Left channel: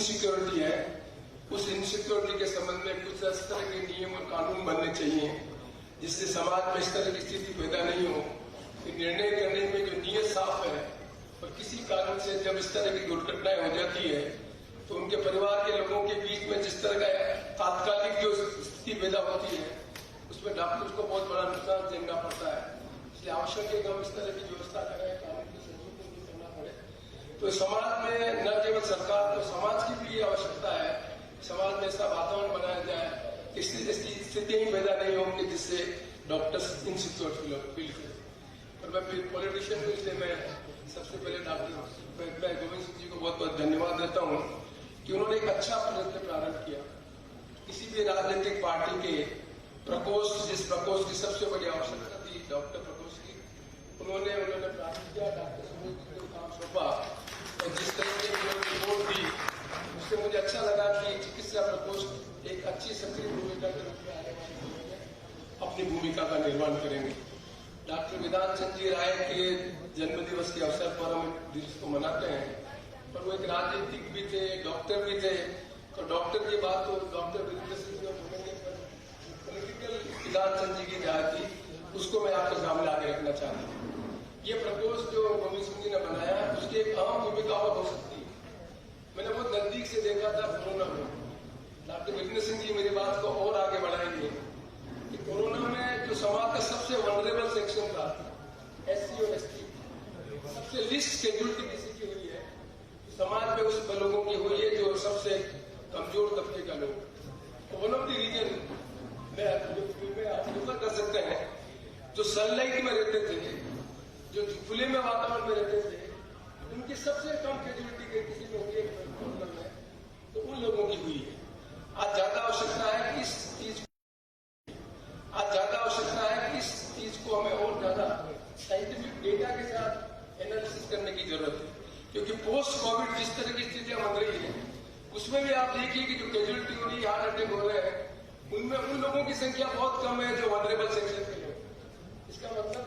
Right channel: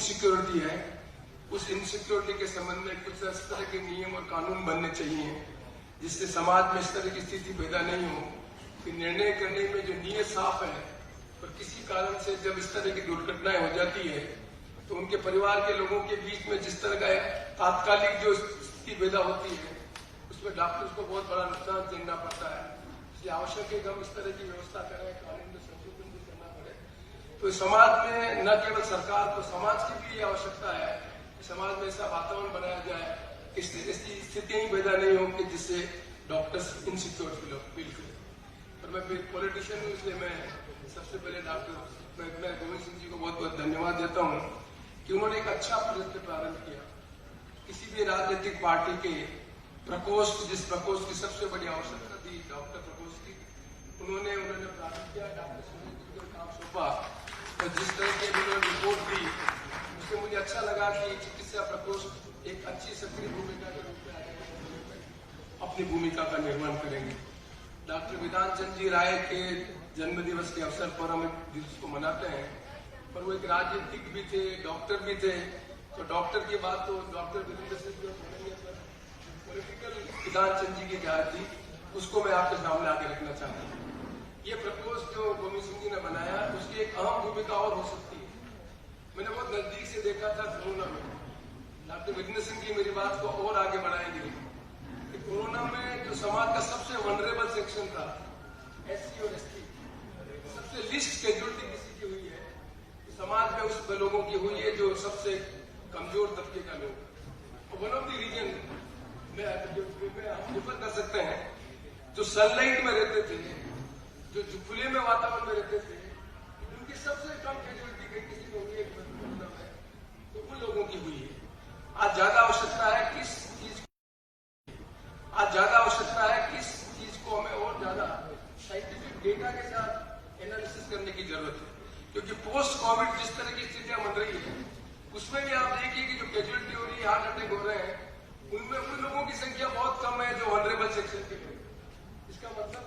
Insecurity है, उस insecurity के संबंध में कुछ इस तरह के नियम और कानून बनने चाहिए जिससे समाज में इस तरह की स्थिति पैदा नहीं हो कि निर्णय करने में जो नीयत साफ है और किसी कारण से जब इस तरह की दुर्घटनाएं हो जाती है तो उनके परिवार के लोगों के बीच में जिस तरह का तात्कालिक जो स्थिति पैदा होती है उसमें डॉक्टर्स को बहुत बड़ा नुकसान झेलना पड़ता है। इसलिए आवश्यक है कि हम इस तरह की व्यवस्था करें, कानून में संशोधन भी करना पड़े। तो समाज में न केवल सरकार तो समाज की भी ये आवश्यकता है, समाज में ऐसा वातावरण बनाया जाए कि स्थितियां ही पैदा नहीं होंगी जिससे डॉक्टर्स इनसिक्योर फील करें। और मैं पॉलिटिशियन को इसलिए मैं सबसे पहले मैं गोविंद सिंह जी को बहुत बहुत धन्यवाद देता हूं कि उन्होंने एक अच्छा प्रयत्न प्रारंभ किया। किसी भी राजनीतिक पार्टी के प्रकोष्ठ, जिस प्रकोष्ठ की सबसे बड़ी आवश्यकता थी डॉक्टर प्रकोष्ठ की, उन्होंने प्रारंभ किया, डॉक्टर समिति को काम सौंपा और जिस तरह की उन्होंने रिपोर्ट दी उससे मुझे अच्छा लगा कि चिकित्सा प्रकोष्ठ एक अच्छी सक्रिय भूमिका के रूप में आगे अपनी भूमिका का निर्वहन करेंगे। डॉक्टर विधान चंद जी राय के जन्मदिवस के अवसर पर हम दिवस को मनाते हैं, पर वो एक राजनीतिक भी थे, डॉक्टर भी थे। तो डॉक्टर की बात तो डॉक्टर पॉलिटिकल विधान चंद जी की राय थी, उसको मैं आपके सामने आगे रखना चाहता हूँ। ये प्रकोष्ठ जो गोविंद सिंह जी ने बनाया उसकी एक अहम भूमिका और हो सकती है। मैंने बहुत नजदीक से देखा था कोरोना में। डॉक्टर विजय सिंह जी मेरी बात को और आगे बढ़ाएंगे कि कोरोना में जो समाज का सबसे वनरेबल सेक्शन था, एससी और एसटी, सबसे लिस्ट शेड्यूल्ड किसी की हुई है समाज में, उस लोगों की हुई है जो सबसे कमजोर तबके का लोग। वन ऑफ द रीजन में आप प्रिफर कर सकते हैं, जो सनलाइट में रहते थे, जो खुले में वातावरण में रहते थे, उनकी सबसे कम कैजुअलिटी किसी को तो उन लोगों की हुई है। आज ज्यादा आवश्यकता है कि इस चीज को हमें और ज्यादा साइंटिफिक डेटा के साथ एनालिसिस करने की जरूरत है, क्योंकि पोस्ट कोविड जिस तरह की स्थितियां बन रही है उसमें भी आप देखिए कि जो कैजुअलिटी हो रही है, हार्ट अटैक हो रहे हैं, उनमें उन लोगों की संख्या बहुत कम है जो वनरेबल सेक्शन के लोग। इसका मतलब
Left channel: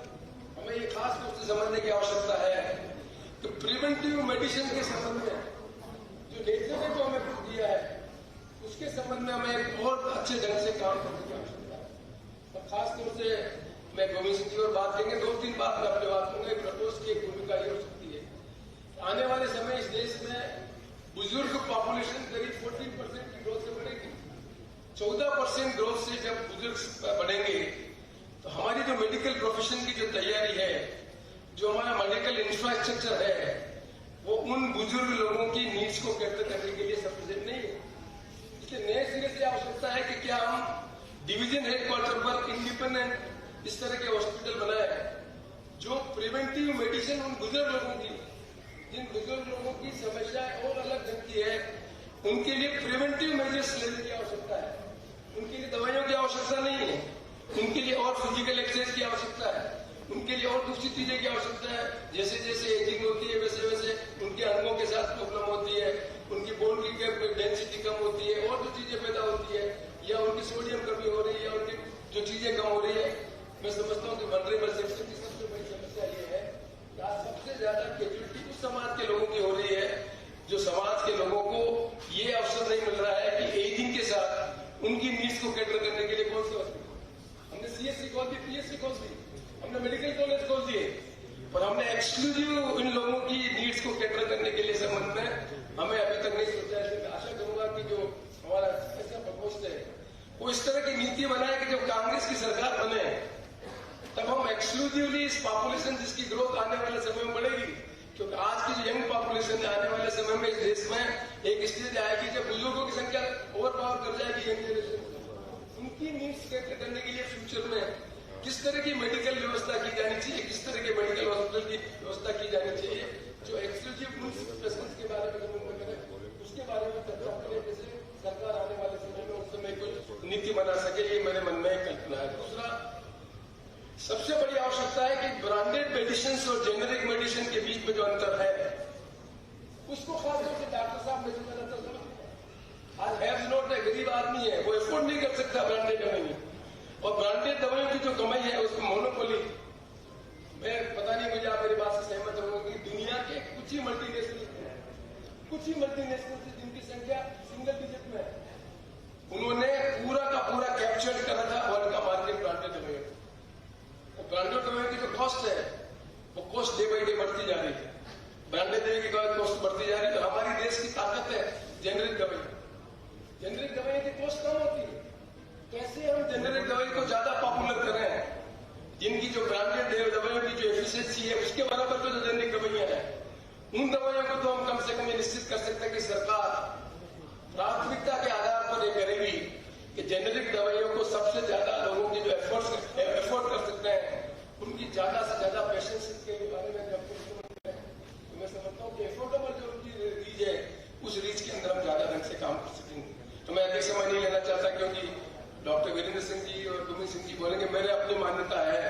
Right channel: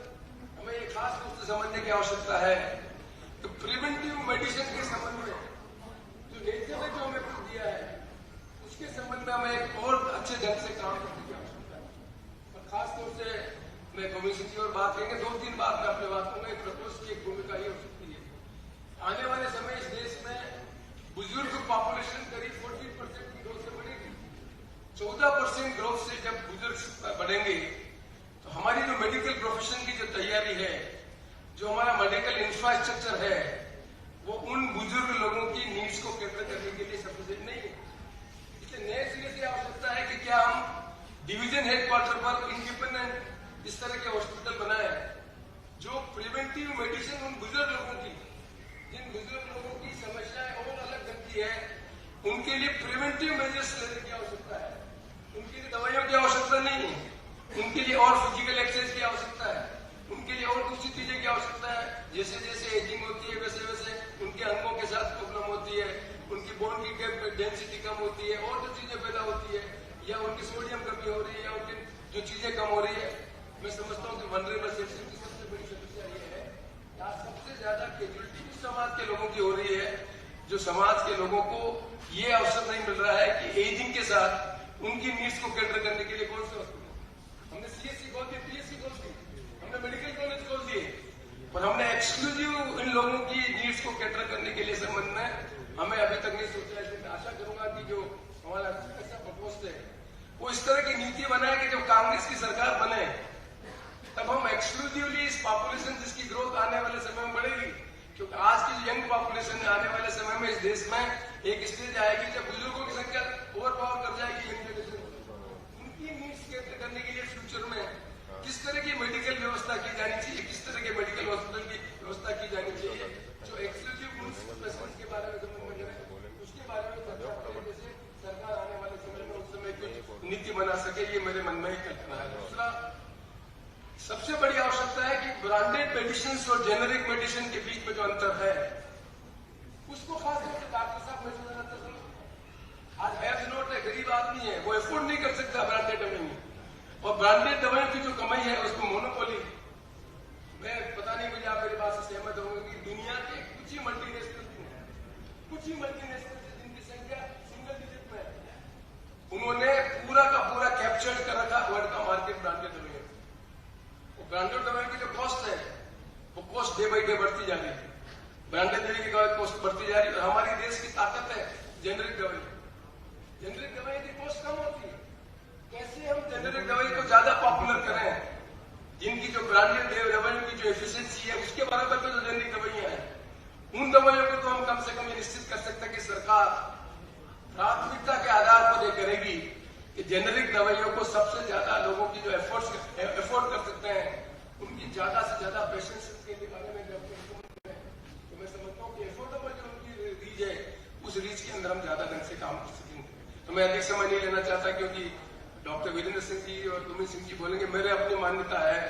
हमें ये खास रूप से समझने की आवश्यकता है तो प्रिवेंटिव मेडिसिन के संबंध में जो नेचर ने जो हमें दिया है उसके संबंध में हमें एक और अच्छे ढंग से काम करने की आवश्यकता है। और खासतौर से मैं गोविंद सिंह जी और बात करेंगे, 2-3 बात मैं अपने बात करूंगा। प्रपोज की एक भूमिका ये हो सकती है, आने वाले समय इस देश में बुजुर्ग पॉपुलेशन करीब 14% की ग्रोथ से बढ़ेगी। 14% ग्रोथ से जब बुजुर्ग बढ़ेंगे तो हमारी जो मेडिकल प्रोफेशन की जो तैयारी है, जो हमारा मेडिकल इंफ्रास्ट्रक्चर है, वो उन बुजुर्ग लोगों की नीड्स को कैटर करने के लिए सफिशिएंट नहीं है। इसलिए नए सिरे से आवश्यकता है कि क्या हम डिवीजन हेडक्वार्टर पर इंडिपेंडेंट इस तरह के हॉस्पिटल बनाए जो प्रिवेंटिव मेडिसिन उन बुजुर्ग लोगों की, जिन बुजुर्ग लोगों की समस्याएं और अलग बनती है, उनके लिए प्रिवेंटिव मेजर्स लेने की आवश्यकता है। उनके लिए दवाइयों की आवश्यकता नहीं है, उनके लिए और फिजिकल एक्सरसाइज की आवश्यकता है, उनके लिए और दूसरी चीजें की आवश्यकता है। जैसे जैसे एजिंग होती है वैसे वैसे उनके अंगों के साथ प्रॉब्लम होती है, उनकी बोन की डेंसिटी कम होती है और जो चीजें पैदा होती है, या उनकी सोडियम कमी हो रही है, या उनकी जो चीजें कम हो रही है। मैं समझता हूँ कि वनरेबल सेक्शन की सबसे बड़ी समस्या ये है कि आज सबसे ज्यादा कैजुअलिटी उस समाज के लोगों की हो रही है जो समाज के लोगों को ये अवसर नहीं मिल रहा है कि एजिंग के साथ उनकी नीड्स को कैटर करने के लिए कौन से हॉस्पिटल, हमने सीएससी खोल दी, पीएससी खोल दी, हमने मेडिकल कॉलेज खोल दिए, पर हमने एक्सक्लूसिव इन लोगों की नीड्स को कैटर करने के लिए संबंध में हमें अभी तक नहीं सोचा है। मैं आशा करूंगा कि जो हमारा ऐसा प्रपोस्ट है वो इस तरह की नीति बनाए कि जब कांग्रेस की सरकार बने तब हम एक्सक्लूसिवली इस पॉपुलेशन जिसकी ग्रोथ आने वाले समय में बढ़ेगी, क्योंकि आज की जो यंग पॉपुलेशन है आने वाले समय में इस देश में एक स्टेज आएगी जब बुजुर्गों की संख्या ओवर पावर कर जाएगी यंग जनरेशन। उनकी नीड्स कैटर करने के लिए फ्यूचर में किस तरह की मेडिकल व्यवस्था की जानी चाहिए, किस तरह के मेडिकल हॉस्पिटल की व्यवस्था की जानी चाहिए, जो एक्सक्लूसिव पेशेंट्स के बारे में उसके बारे में चर्चा करें, जैसे सरकार आने वाले समय में उस समय कोई नीति बना सके, ये मेरे मन में एक कल्पना है। दूसरा सबसे बड़ी आवश्यकता है कि ब्रांडेड मेडिसिन और जेनेरिक मेडिसिन के बीच में जो अंतर है उसको खास तौर से डॉक्टर साहब मेडिसिन आज हैव नोट है, गरीब आदमी है, वो एफोर्ड नहीं कर सकता ब्रांडेड दवाई, और ब्रांडेड दवाई की जो कमाई है उसको मोनोपोली, मैं पता नहीं मुझे आप मेरी बात से सहमत होंगे कि दुनिया के कुछ ही मल्टीनेशनल नेशन से जिनकी संख्या सिंगल डिजिट में है, उन्होंने पूरा का पूरा कैप्चर कर रखा वर्ल्ड का मार्केट ब्रांडेड दवाइयों। और ब्रांडेड दवाइयों की जो कॉस्ट है वो कॉस्ट डे बाई डे बढ़ती जा रही है। ब्रांडेड दवाई की कॉस्ट बढ़ती जा रही है। तो हमारी देश की ताकत है जेनरिक दवाई। जेनरिक दवाई की कॉस्ट कम होती है। कैसे हम जेनरिक दवाई को ज्यादा पॉपुलर करें, जिनकी जो ब्रांडेड दवाइयों की जो एफिशिएंसी है उसके बराबर तो जेनरिक दवाइयां हैं, उन दवाइयों को तो हम कम से कम ये निश्चित कर सकते हैं कि सरकार प्राथमिकता के आधार पर ये करेगी कि जेनरिक दवाइयों को सबसे ज्यादा लोगों की जो एफोर्ड कर सकते हैं उनकी ज्यादा से ज्यादा पेशेंट्स के बारे में जब तो मैं समझता हूँ कि एफोर्डेबल जो उनकी रीच है उस रीच के अंदर हम ज्यादा ढंग से काम कर सकेंगे। तो मैं अधिक समय नहीं लेना चाहता क्योंकि डॉक्टर वीरेंद्र सिंह जी और गोविंद सिंह जी बोलेंगे। मेरे अपनी मान्यता है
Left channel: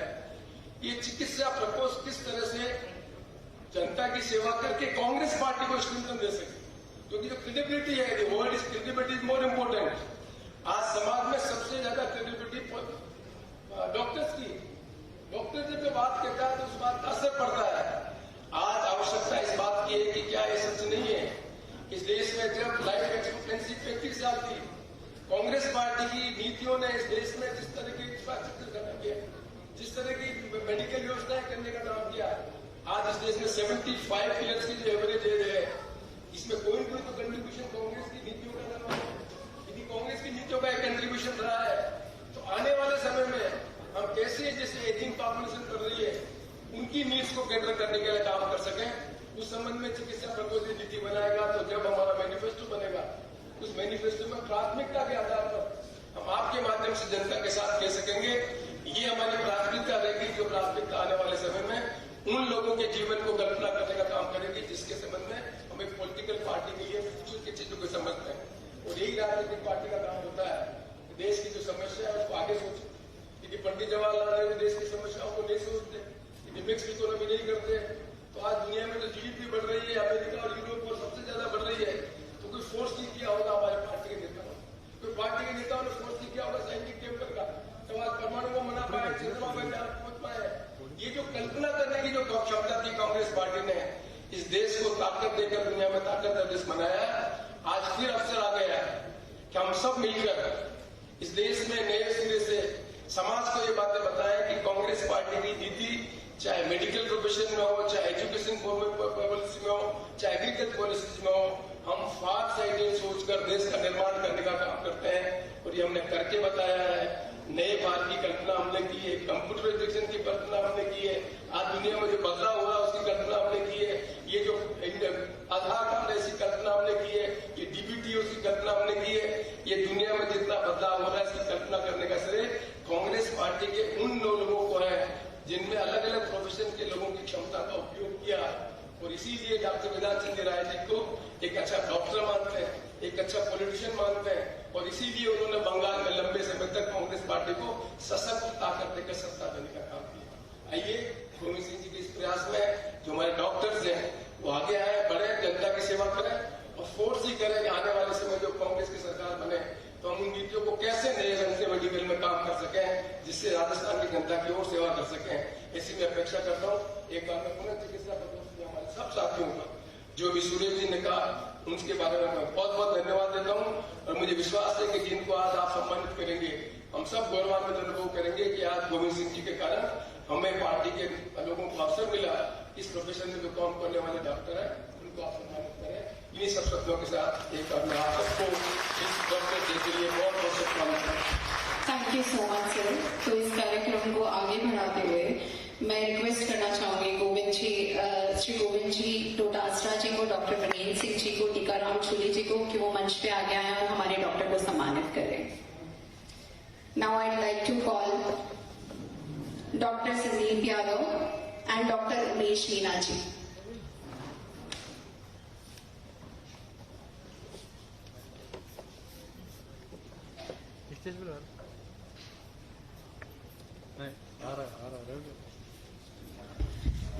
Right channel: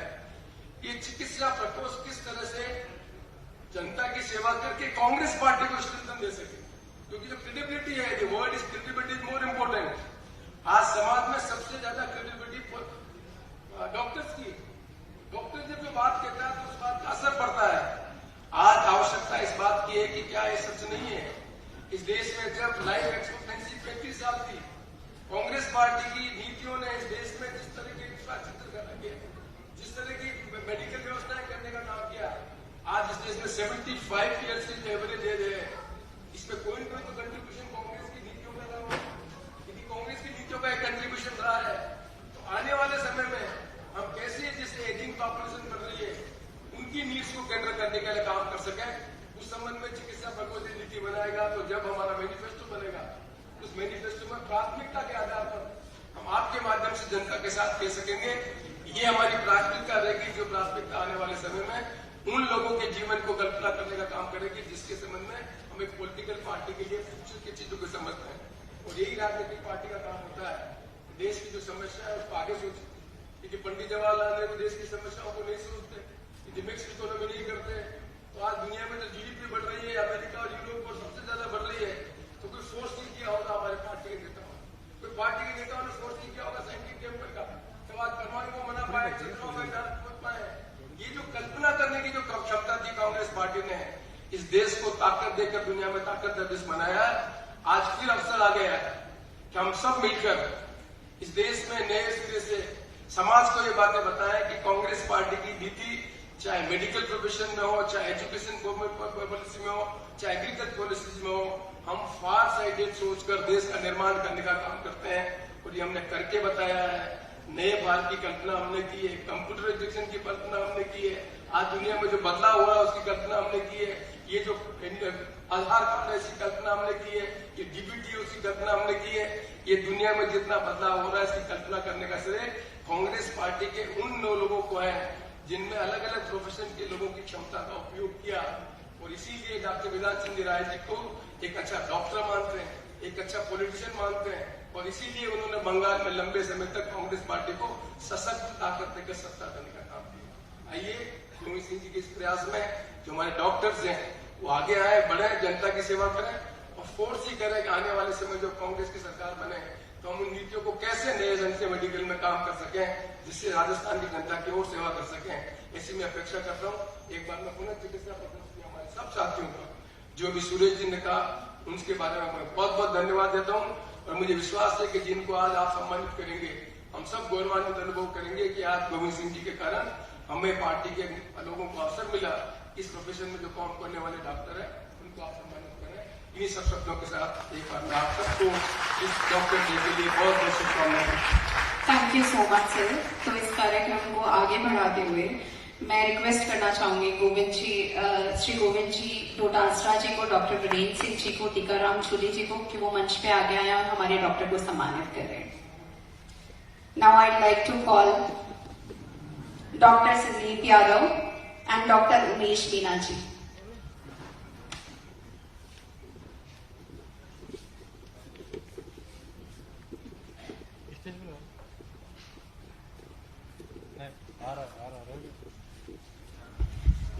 कि चिकित्सा प्रकोष्ठ किस तरह से जनता की सेवा करके कांग्रेस पार्टी को स्ट्रेंथन दे सके, क्योंकि जो क्रेडिबिलिटी है, the word is credibility is more important. आज समाज में सबसे ज्यादा क्रेडिबिलिटी डॉक्टर्स की। डॉक्टर जब बात कहता है तो उस बात का असर पड़ता है। आज आवश्यकता इस बात की है कि क्या ये सच नहीं है इस देश में जब लाइफ एक्सपेक्टेंसी 35 साल थी, कांग्रेस पार्टी की नीतियों ने इस देश में जिस तरह की इंफ्रास्ट्रक्चर करना किया, जिस तरह की मेडिकल व्यवस्थाएं करने का काम किया, आज इस देश में 75 ईयर्स की जो एवरेज एज है, इसमें कोई तो कंट्रीब्यूशन कांग्रेस की नीतियों का रहा है। यदि कांग्रेस की नीतियों का एक कंट्रीब्यूशन रहा है तो आने वाले समय में हम कैसे जैसे एजिंग पॉपुलेशन कर रही है उनकी नीड्स को केंद्र करने के लिए काम कर सकें, उस संबंध में चिकित्सा प्रकोष्ठ नीति बनाएगा। तो जब हमारा मैनिफेस्टो बनेगा उस मैनिफेस्टो में प्राथमिकता के आधार पर हम आपके माध्यम से जनता के साथ कह सकेंगे ये हमारी प्राथमिकता रहेगी। जो प्राथमिकता आने वाले समय में उन लोगों के जीवन को कल्पना करने का काम करेगी जिसके संबंध में हम एक पॉलिटिकल पार्टी के लिए फ्यूचर की चीजों को समझते हैं। और यही राजनीतिक पार्टी का काम होता है कि देश की जो समस्या है उसको आगे सोचे। यदि पंडित जवाहरलाल नेहरू देश की समस्याओं को नहीं सोचते, यदि मिक्स इकोनॉमी नहीं करते, तो आज दुनिया में जो जीडीपी बढ़ रही है अमेरिका और यूरोप और सबसे ज्यादा बढ़ रही है, तो कोई फोर्स नहीं किया होगा हमारे पार्टी के नेताओं। कोई पार्टी के नेताओं ने फोर्स नहीं किया होगा सैनिक टेम्पर का, तो आज परमाणु को मना पाए, चंद्रमा में पहुंच पाए। ये जो कल्पना करने की जो क्षमता थी कांग्रेस पार्टी ने इस देश को ताकत देकर दुनिया में ताकत का देश बनाया। आज फिर अवसर आ गया है कि हम सब मिलकर इस देश में नए सिरे से समाज को ये बातें बताएं कि कांग्रेस पार्टी की नीति चाहे मेडिकल प्रोफेशन में हो, चाहे एजुकेशन पॉलिसी में हो, चाहे एग्रीकल्चर पॉलिसी में हो, हम फार साइडेड सोचकर देश का निर्माण करने का काम करते हैं। और ये हमने करके बताया है। नए भारत की कल्पना हमने की है, कंप्यूटराइजेशन की कल्पना हमने की है, आज दुनिया में जो बदलाव हो रहा है उसकी कल्पना हमने की है, ये जो आधार कार्ड है इसकी कल्पना हमने की है, ये डीबीटी है उसकी कल्पना हमने की है। ये दुनिया में जितना बदलाव हो रहा है इसकी कल्पना करने का श्रेय कांग्रेस पार्टी के उन लोगों को है जिनमें अलग अलग प्रोफेशन के लोगों की क्षमता का उपयोग किया। और इसीलिए डॉक्टर वेदांत सिंह राय जी को एक अच्छा डॉक्टर मानते हैं, एक अच्छा पॉलिटिशियन मानते हैं। और इसीलिए उन्होंने बंगाल में लंबे समय तक कांग्रेस पार्टी को सशक्त ताकत देकर सत्ता देने का काम किया। आइए गोविंद सिंह जी के इस प्रयास में जो हमारे डॉक्टर्स हैं वो आगे आए, बढ़े, जनता की सेवा करें और फोर्स ही करें कि आने वाले समय जो कांग्रेस की सरकार बने तो हम उन नीतियों को कैसे नए ढंग से मेडिकल में काम कर सकें जिससे राजस्थान की जनता की और सेवा कर सकें। ऐसी मैं अपेक्षा करता हूँ। एक बार मैं पुनः चिकित्सा प्रकोष्ठ में हमारे सब साथियों को जो भी सूरज जी ने कहा उनके बारे में मैं बहुत बहुत धन्यवाद देता हूँ। और मुझे विश्वास है कि जिनको आज आप सम्मानित करेंगे हम सब गौरवान्वित अनुभव करेंगे कि आज गोविंद सिंह जी के कारण हमें पार्टी के लोगों को अवसर मिला इस प्रोफेशन में जो काम करने वाले डॉक्टर है उनको आप सम्मानित करें। इन्हीं सब शब्दों के साथ एक बार मैं आप सबको इस डॉक्टर डे के लिए बहुत बहुत शुभकामनाएं। Thank you so much sir. तो इस कार्यक्रम को आगे बढ़ाते हुए मैं रिक्वेस्ट करना चाहूंगी श्री गोविंद जी डोटासरा जी को, डॉक्टर वीरेंद्र सिंह जी को, टीकाराम जूली जी को कि वो मंच पे आगे आए और हमारे डॉक्टर को सम्मानित करें। Now I like to call doctor Sandeep Yadav and doctor Umesh Meena ji.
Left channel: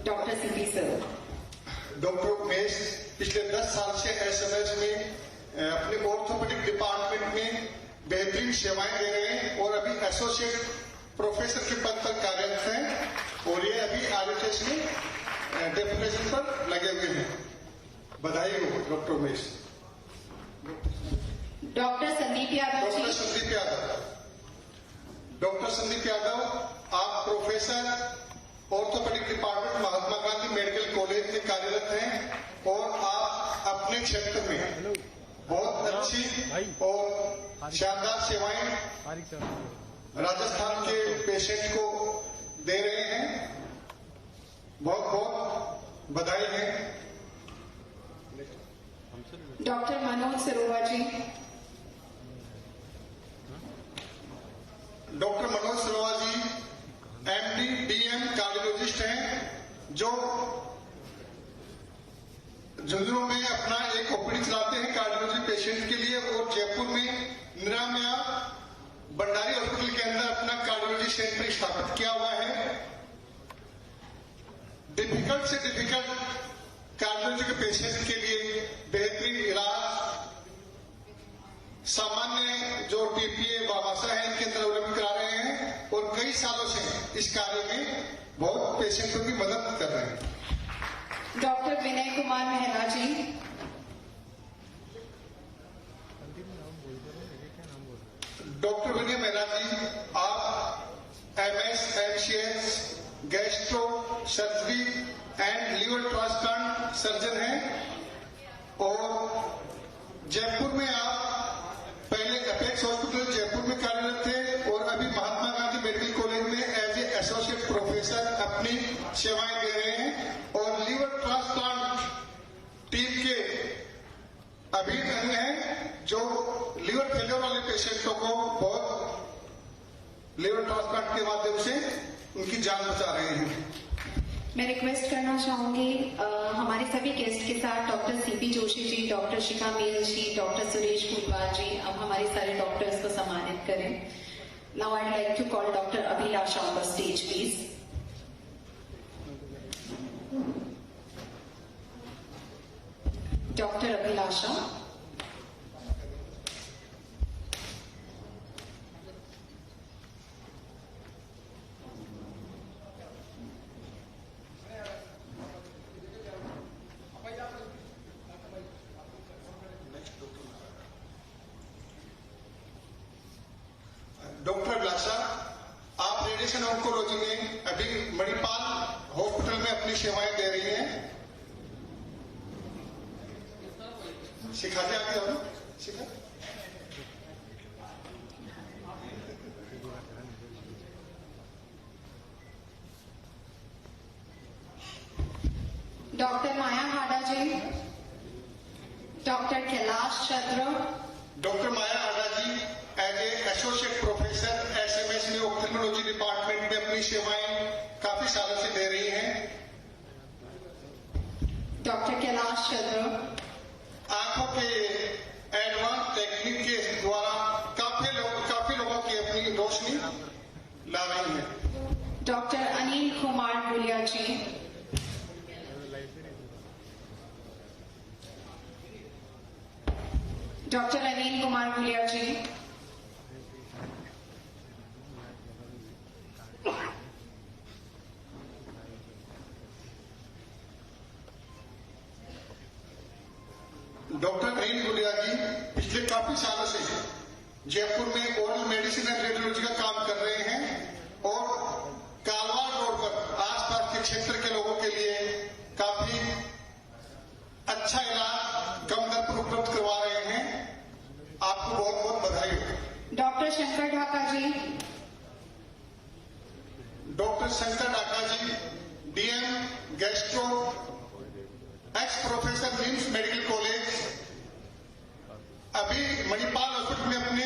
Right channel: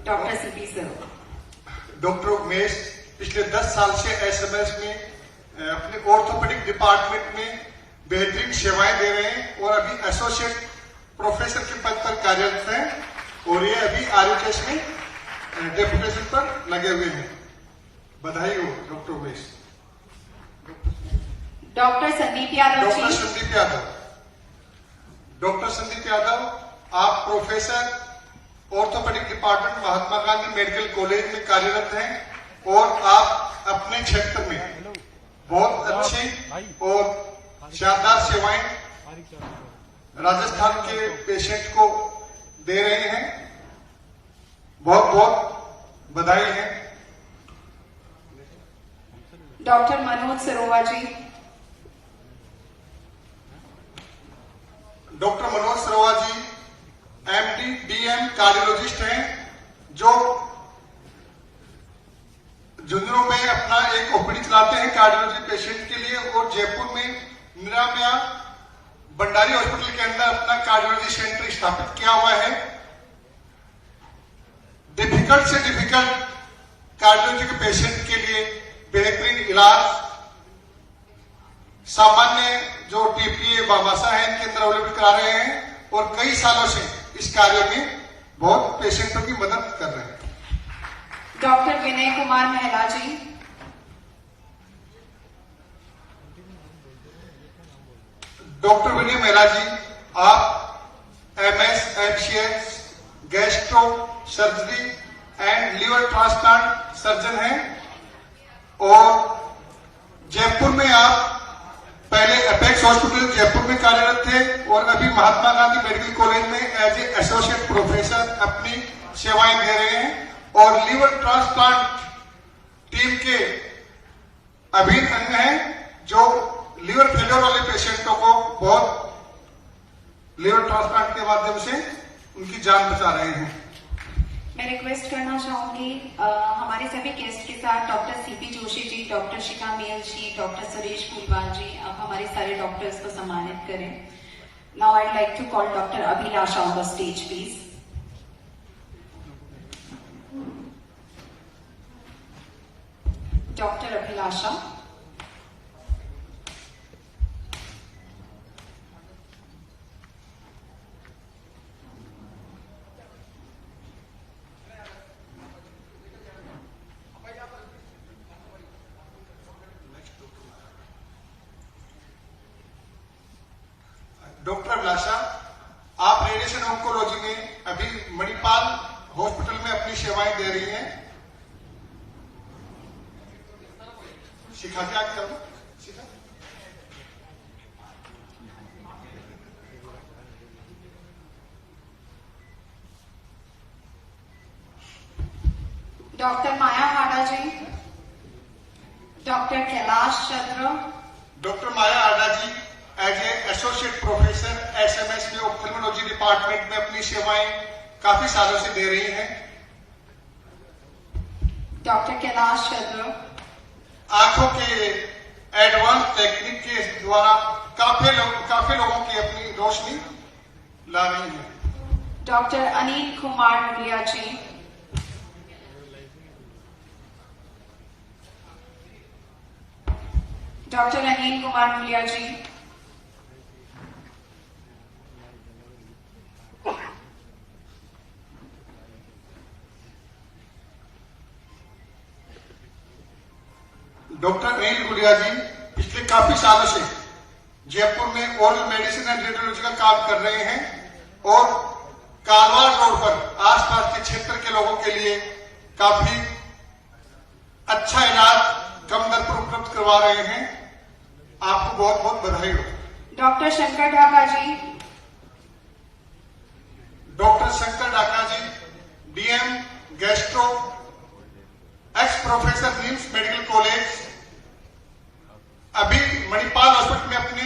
Doctor CP sir. Doctor Umesh पिछले 10 साल से एसएमएस में अपने ऑर्थोपेडिक डिपार्टमेंट में बेहतरीन सेवाएं दे रहे हैं और अभी एसोसिएट प्रोफेसर के पद पर कार्यरत हैं और ये अभी आरयूकेएस में डेपुटेशन पर लगे हुए हैं। बधाई हो doctor Umesh. Doctor Sandeep Yadav doctor ji. Sandeep Yadav. Doctor Sandeep Yadav, आप professor orthopaedic department Mahatma Gandhi medical college में कार्यरत हैं और आप अपने क्षेत्र में बहुत अच्छी और शानदार सेवाएं राजस्थान के पेशेंट को दे रहे हैं। बहुत बहुत बधाई है। डॉक्टर मनोज सरोवा जी। डॉक्टर मनोज सरोवा जी एमडी डीएम कार्डियोलॉजिस्ट हैं, जो झुंझुनू में अपना एक ओपीडी चलाते हैं कार्डियोलॉजी पेशेंट के लिए, और जयपुर में निरामया भंडारी हॉस्पिटल के अंदर अपना कार्डियोलॉजी सेंटर स्थापित किया हुआ है। डिफिकल्ट से डिफिकल्ट कार्डियोलॉजी के पेशेंट के लिए बेहतरीन इलाज, सामान्य जो टीपीए बामाशा है इनके अंदर अवेलेबल करा रहे हैं, और कई सालों से इस कार्य में बहुत पेशेंटों की मदद कर रहे हैं। डॉक्टर विनय कुमार मेहरा जी। डॉक्टर विनय मेहरा जी, आप MS MCS gastro surgery and liver transplant surgeon हैं, और जयपुर में आप पहले अपेक्स हॉस्पिटल जयपुर में कार्यरत थे, और अभी महात्मा गांधी मेडिकल कॉलेज में एज ए एसोसिएट प्रोफेसर अपनी सेवाएं दे रहे हैं, और लीवर ट्रांसप्लांट टीम के अभिन्न अंग हैं, जो लीवर फेलियर वाले पेशेंटों को बहुत लीवर ट्रांसप्लांट के माध्यम से उनकी जान बचा रहे हैं। मैं रिक्वेस्ट करना चाहूंगी हमारे सभी गेस्ट के साथ doctor C P Joshi ji, doctor Shikha Mel ji, doctor Suresh Kotwal ji, अब हमारे सारे डॉक्टर्स को सम्मानित करें। Now I like to call doctor Abhilasha on the stage please. Doctor Abhilasha. Doctor Abhilasha, आप रेडिएशन ऑन्कोलॉजी में अभी मणिपाल हॉस्पिटल में अपनी सेवाएं दे रही हैं। सिखा के आगे जाओ, Shikha. Doctor Maya Hada ji. Doctor Kailash Chandra. Doctor Maya Aada ji as a associate professor SMS में ऑप्थेल्मोलॉजी डिपार्टमेंट में अपनी सेवाएं काफी सालों से दे रही हैं। डॉक्टर कैलाश चंद्र। आंखों के एडवांस टेक्निक के द्वारा काफी लोगों की अपनी रोशनी ला रही है। डॉक्टर अनिल कुमार गुलिया जी। डॉक्टर अनिल कुमार गुलिया जी। डॉक्टर अनिल गुलिया जी पिछले काफी सालों से जयपुर में ओरल मेडिसिन एंड रेडियोलॉजी का काम कर रहे हैं, और कारवार रोड पर आसपास के क्षेत्र के लोगों के लिए काफी अच्छा इलाज कम दर पर उपलब्ध करवा रहे हैं। आपको बहुत बहुत बधाई हो। Doctor Shankar Dhaka ji. Doctor Shankar Dhaka ji DM gastro, ex professor RIMS medical college, अभी मणिपाल हॉस्पिटल में अपने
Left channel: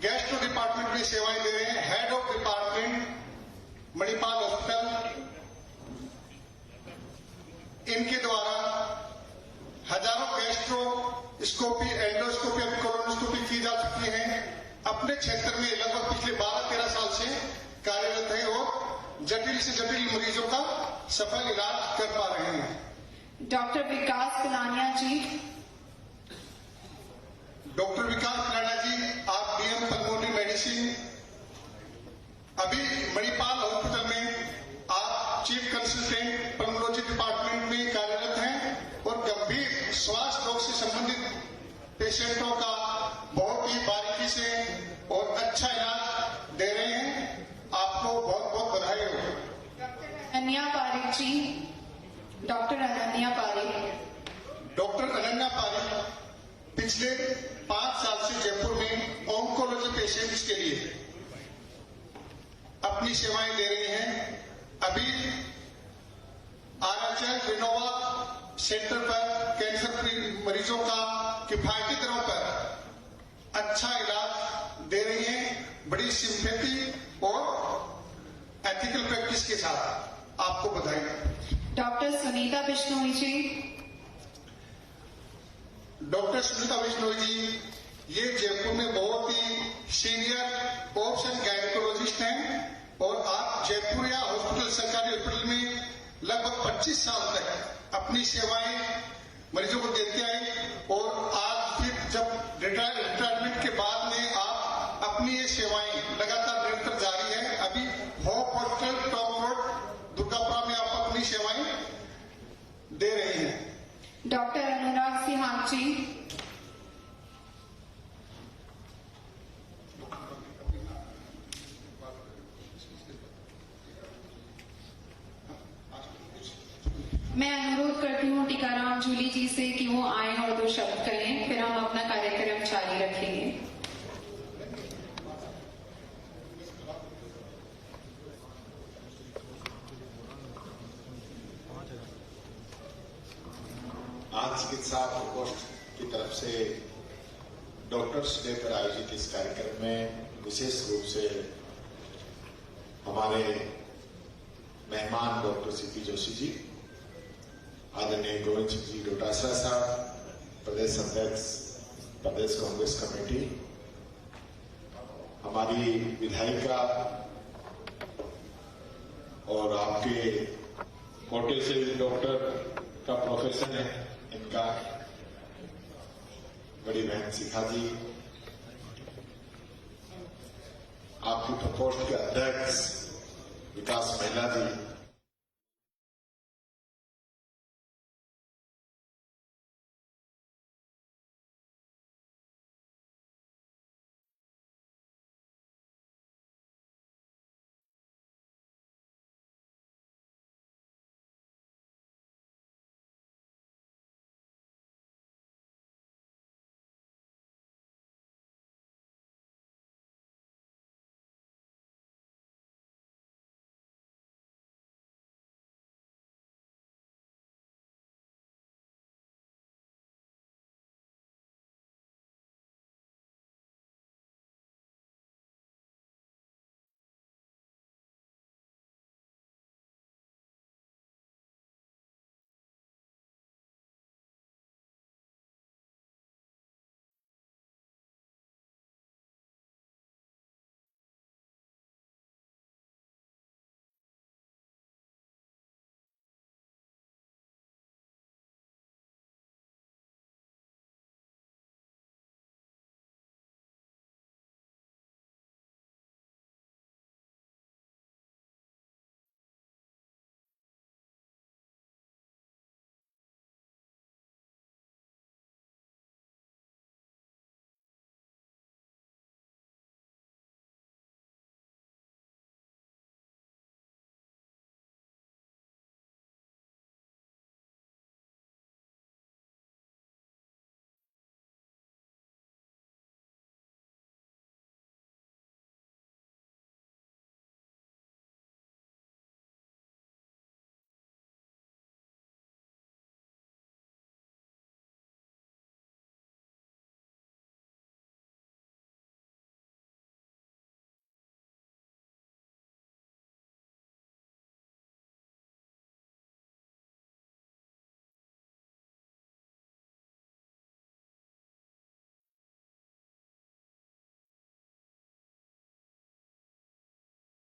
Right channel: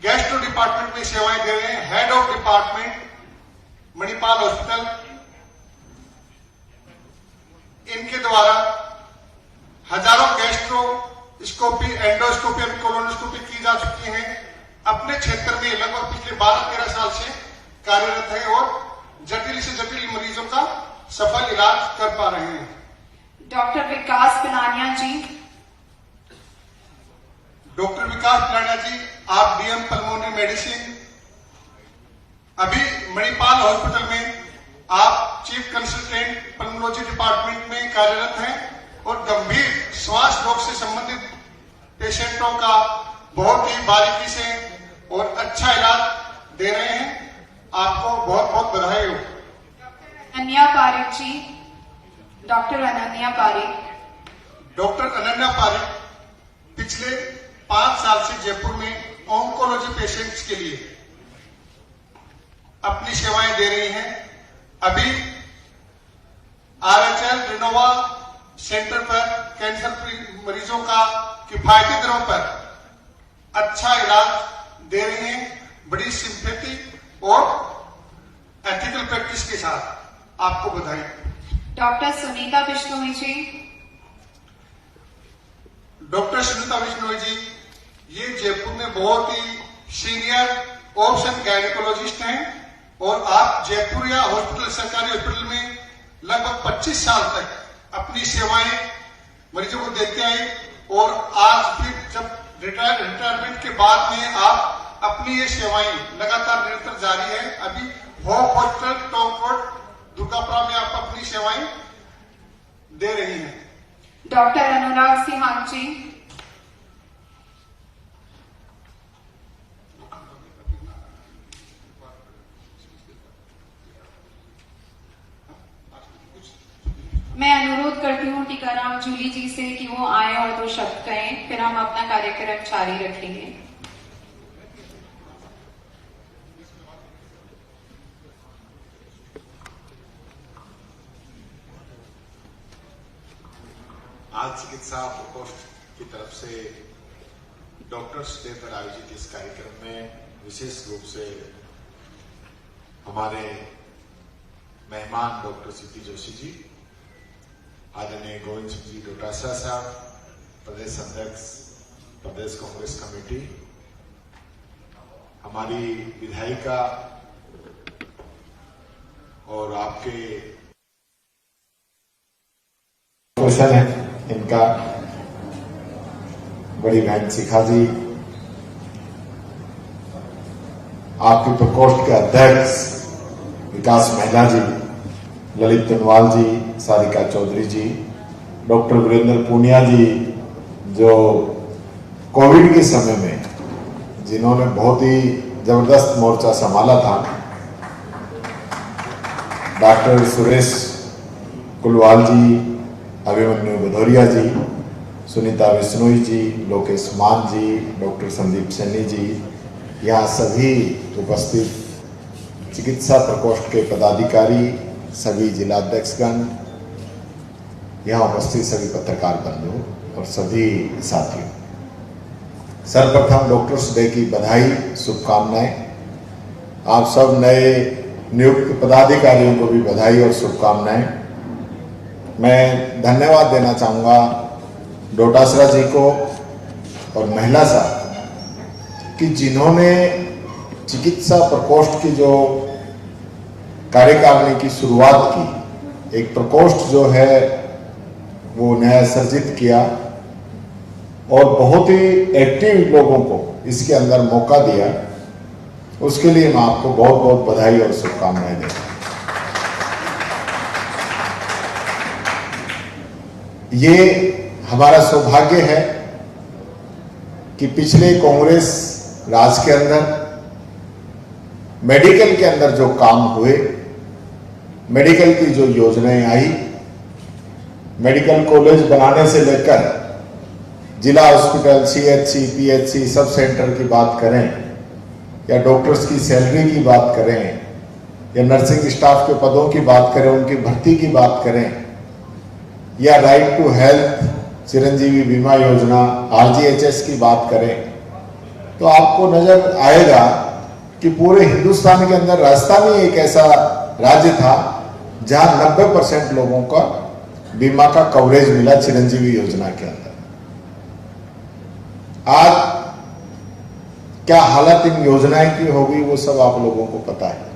गैस्ट्रो डिपार्टमेंट में सेवाएं दे रहे हैं। Head of department Manipal hospital, इनके द्वारा हजारों गैस्ट्रोस्कोपी, एंडोस्कोपी और कोलोनोस्कोपी की जा चुकी है। अपने क्षेत्र में लगभग पिछले 12-13 साल से कार्यरत है, और जटिल से जटिल मरीजों का सफल इलाज कर पा रहे हैं। डॉक्टर विकास पिलानिया जी। डॉक्टर विकास पिलानिया जी, आप डीएम पल्मोनरी मेडिसिन, अभी मणिपाल हॉस्पिटल में आप चीफ कंसल्टेंट पल्मोनोलॉजी डिपार्टमेंट में कार्यरत हैं, और गंभीर श्वास रोग से संबंधित पेशेंटों का बहुत ही बारीकी से और अच्छा इलाज दे रहे हैं। आपको बहुत बहुत बधाई हो। अनन्या पारिक जी, डॉक्टर अनन्या पारिक। डॉक्टर अनन्या पारिक पिछले 5 साल से जयपुर में ऑन्कोलॉजी पेशेंट्स के लिए अपनी सेवाएं दे रही हैं। अभी RHL रिनोवा सेंटर पर कैंसर मरीजों का किफायती दरों पर अच्छा इलाज दे रही हैं, बड़ी सिंपैथी और एथिकल प्रैक्टिस के साथ। आपको बधाई। डॉक्टर सुनीता बिश्नोई जी। डॉक्टर सुनीता बिश्नोई जी ये जयपुर में बहुत ही सीनियर ऑप्शन गायनिकोलॉजिस्ट हैं और आप जयपुर या हॉस्पिटल, सरकारी हॉस्पिटल में लगभग 25 साल तक अपनी सेवाएं मरीजों को देते आए और आज फिर जब रिटायरमेंट के बाद में आप अपनी ये सेवाएं लगातार निरंतर जारी है। अभी hope hospital, top road, Durgapura में आप अपनी सेवाएं दे रही हैं। डॉक्टर अनुराग सिंहाग जी। मैं अनुरोध करती हूँ टीकाराम जूली जी से कि वो आए और 2 शब्द कहें, फिर हम अपना कार्यक्रम जारी रखेंगे। आज चिकित्सा प्रकोष्ठ की तरफ से डॉक्टर्स डे पर आयोजित इस कार्यक्रम में विशेष रूप से हमारे मेहमान डॉक्टर सीपी जोशी जी, आदरणीय गोविंद सिंह जी डोटासरा साहब, प्रदेश अध्यक्ष प्रदेश कांग्रेस कमेटी, हमारी विधायिका और आपके कोटे से डॉक्टर का प्रोफेसर है इनका, बड़ी बहन शिखा जी, आपके प्रकोष्ठ के अध्यक्ष विकास महिला जी, ललित तनवाल जी, सारिका चौधरी जी, डॉक्टर वीरेंद्र पूनिया जी, जो कोविड के समय में जिन्होंने बहुत ही जबरदस्त मोर्चा संभाला था, डॉक्टर सुरेश कुलवाल जी, अभिमन्यु भदौरिया जी, सुनीता बिश्नोई जी, लोकेश मान जी, डॉक्टर संदीप सैनी जी, यहाँ सभी उपस्थित चिकित्सा प्रकोष्ठ के पदाधिकारी, सभी जिलाध्यक्षगण, यहाँ उपस्थित सभी पत्रकार बंधु और सभी साथियों, सर्वप्रथम डॉक्टर्स डे की बधाई, शुभकामनाएं। आप सब नए नियुक्त पदाधिकारियों को भी बधाई और शुभकामनाएं। मैं धन्यवाद देना चाहूँगा डोटासरा जी को और महिला साहब कि जिन्होंने चिकित्सा प्रकोष्ठ की जो कार्यकारिणी की शुरुआत की, एक प्रकोष्ठ जो है वो नया सर्जित किया और बहुत ही एक्टिव लोगों को इसके अंदर मौका दिया, उसके लिए मैं आपको बहुत बहुत बधाई और शुभकामनाएं देता हूं। ये हमारा सौभाग्य है कि पिछले कांग्रेस राज के अंदर मेडिकल के अंदर जो काम हुए, मेडिकल की जो योजनाएं आई, मेडिकल कॉलेज बनाने से लेकर जिला hospital, CHC, PHC, sub centre की बात करें या डॉक्टर्स की सैलरी की बात करें या नर्सिंग स्टाफ के पदों की बात करें, उनकी भर्ती की बात करें या राइट टू हेल्थ, चिरंजीवी बीमा योजना, RGHS की बात करें, तो आपको नजर आएगा कि पूरे हिंदुस्तान के अंदर राजस्थान ही एक ऐसा राज्य था जहां 90% लोगों का बीमा का कवरेज मिला चिरंजीवी योजना के अंदर। आज क्या हालत इन योजनाएं की होगी वो सब आप लोगों को पता है।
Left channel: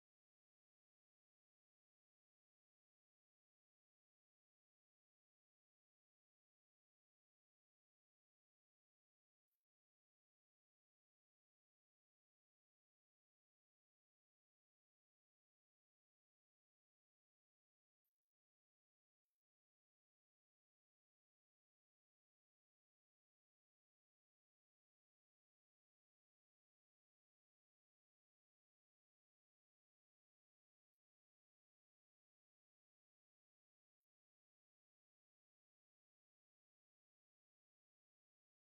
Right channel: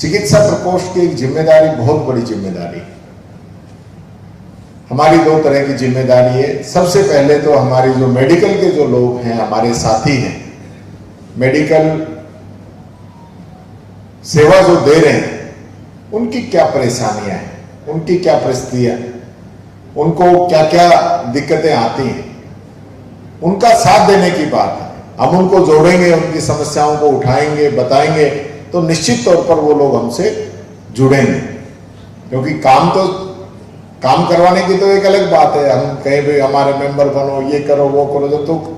चिकित्सा प्रकोष्ठ की एक जिम्मेदारी, बहुत बड़ी जिम्मेदारी है। हमारी 2 तरह की जिम्मेदारी है। सबसे पहले तो हमारी जो मेडिकल के जो लोग हैं, हमारे साथी हैं, मेडिकल सेवा जो दे रहे हैं, उनकी क्या परेशानियां हैं, उनकी क्या परिस्थितियां हैं, उनको क्या क्या दिक्कतें आती हैं, उनका साथ देने की बात है। हम उनको जोड़ेंगे, उनकी समस्याओं को उठाएंगे, बताएंगे, तो निश्चित तौर पर वो लोग हमसे जुड़ेंगे। क्योंकि काम करवाने की तो एक अलग बात है, हम कहीं भी हमारे मेंबर बनो, ये करो वो करो, जब तो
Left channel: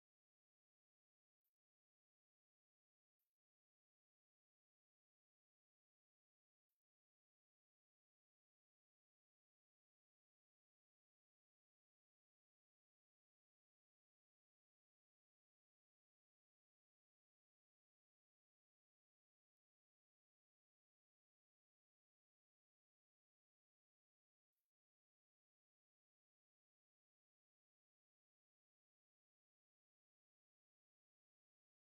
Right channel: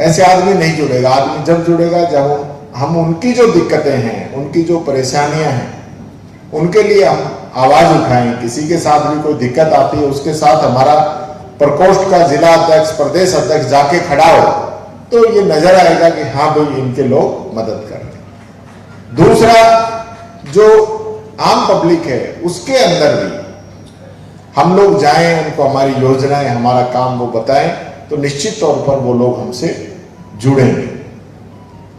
ऐसे आदमी नहीं जुड़ेगा। आदमी जब जुड़ेगा जब हम उनकी जो दिक्कतें हैं, उनकी जो परेशानियां हैं, उनके लिए हम आवाज उठाएं। किसी के साथ भी कोई दिक्कत आती है, उसके साथ हमारा प्रकोष्ठ का जिला अध्यक्ष, प्रदेश अध्यक्ष जाके खड़ा हो, तो ये नजर आएगा कि हाँ भाई इनके लोग मदद कर रहे हैं। दूसरा, जो आम पब्लिक है उसके अंदर भी हम लोग जाएं, उनको हमारी योजनाएं, हमारा काम वो बताएं, तो निश्चित तौर पर वो लोग हमसे जुड़ेंगे।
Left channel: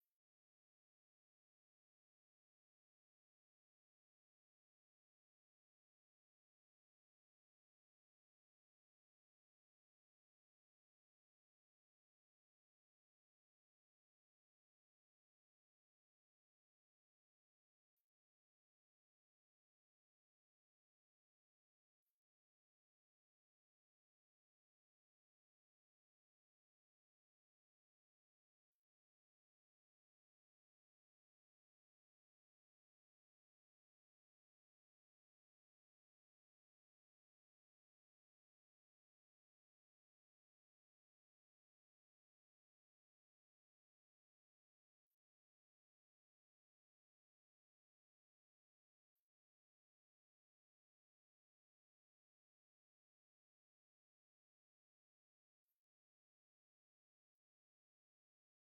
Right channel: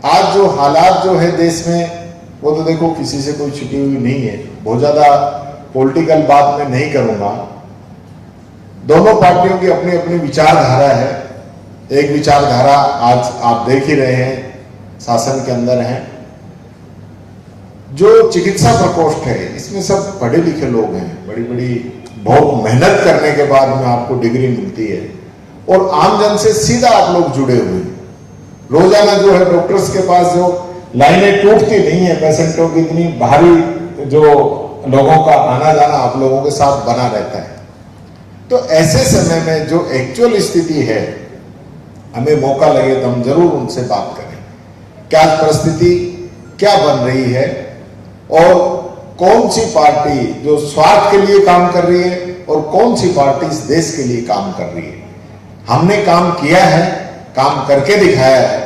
आज जो हालात जो है देश में, वो तो देखो किसी से कोई छुटी हुई नहीं है। बहुत ज्यादा पॉलिटिकल बात मैं नहीं करूंगा। दोनों पार्टियों की अपनी अपनी विचारधारा है। एक विचारधारा आज आप देख ही रहे हैं, शासन के अंदर है। जो चिकित्सा प्रकोष्ठ है, इसमें सब पढ़े लिखे लोग हैं, बड़ी बड़ी बहुत मेहनत करने के बाद में आपको डिग्री मिलती है, और आम जन से सीधा आप लोग जुड़े हुए हैं। रोजाना जो है डॉक्टर्स के पास जो लाइनें टूटती नहीं है, पेशेंटों की इतनी भारी जो लोगों का आना जाना आप लोगों के साथ बना रहता है। तो ऐसे समय में जो एक्चुअल स्थिति है, हमें मौका लगे तो हम जरूर उनसे बात करें, क्या परिस्थिति क्या बन रही है, और कौन सी पार्टी जो स्वार्थ के लिए काम कर रही है और कौन सी पार्टी इस देश के लिए काम कर रही है। हमने काम किया है, काम करके दिखाया है।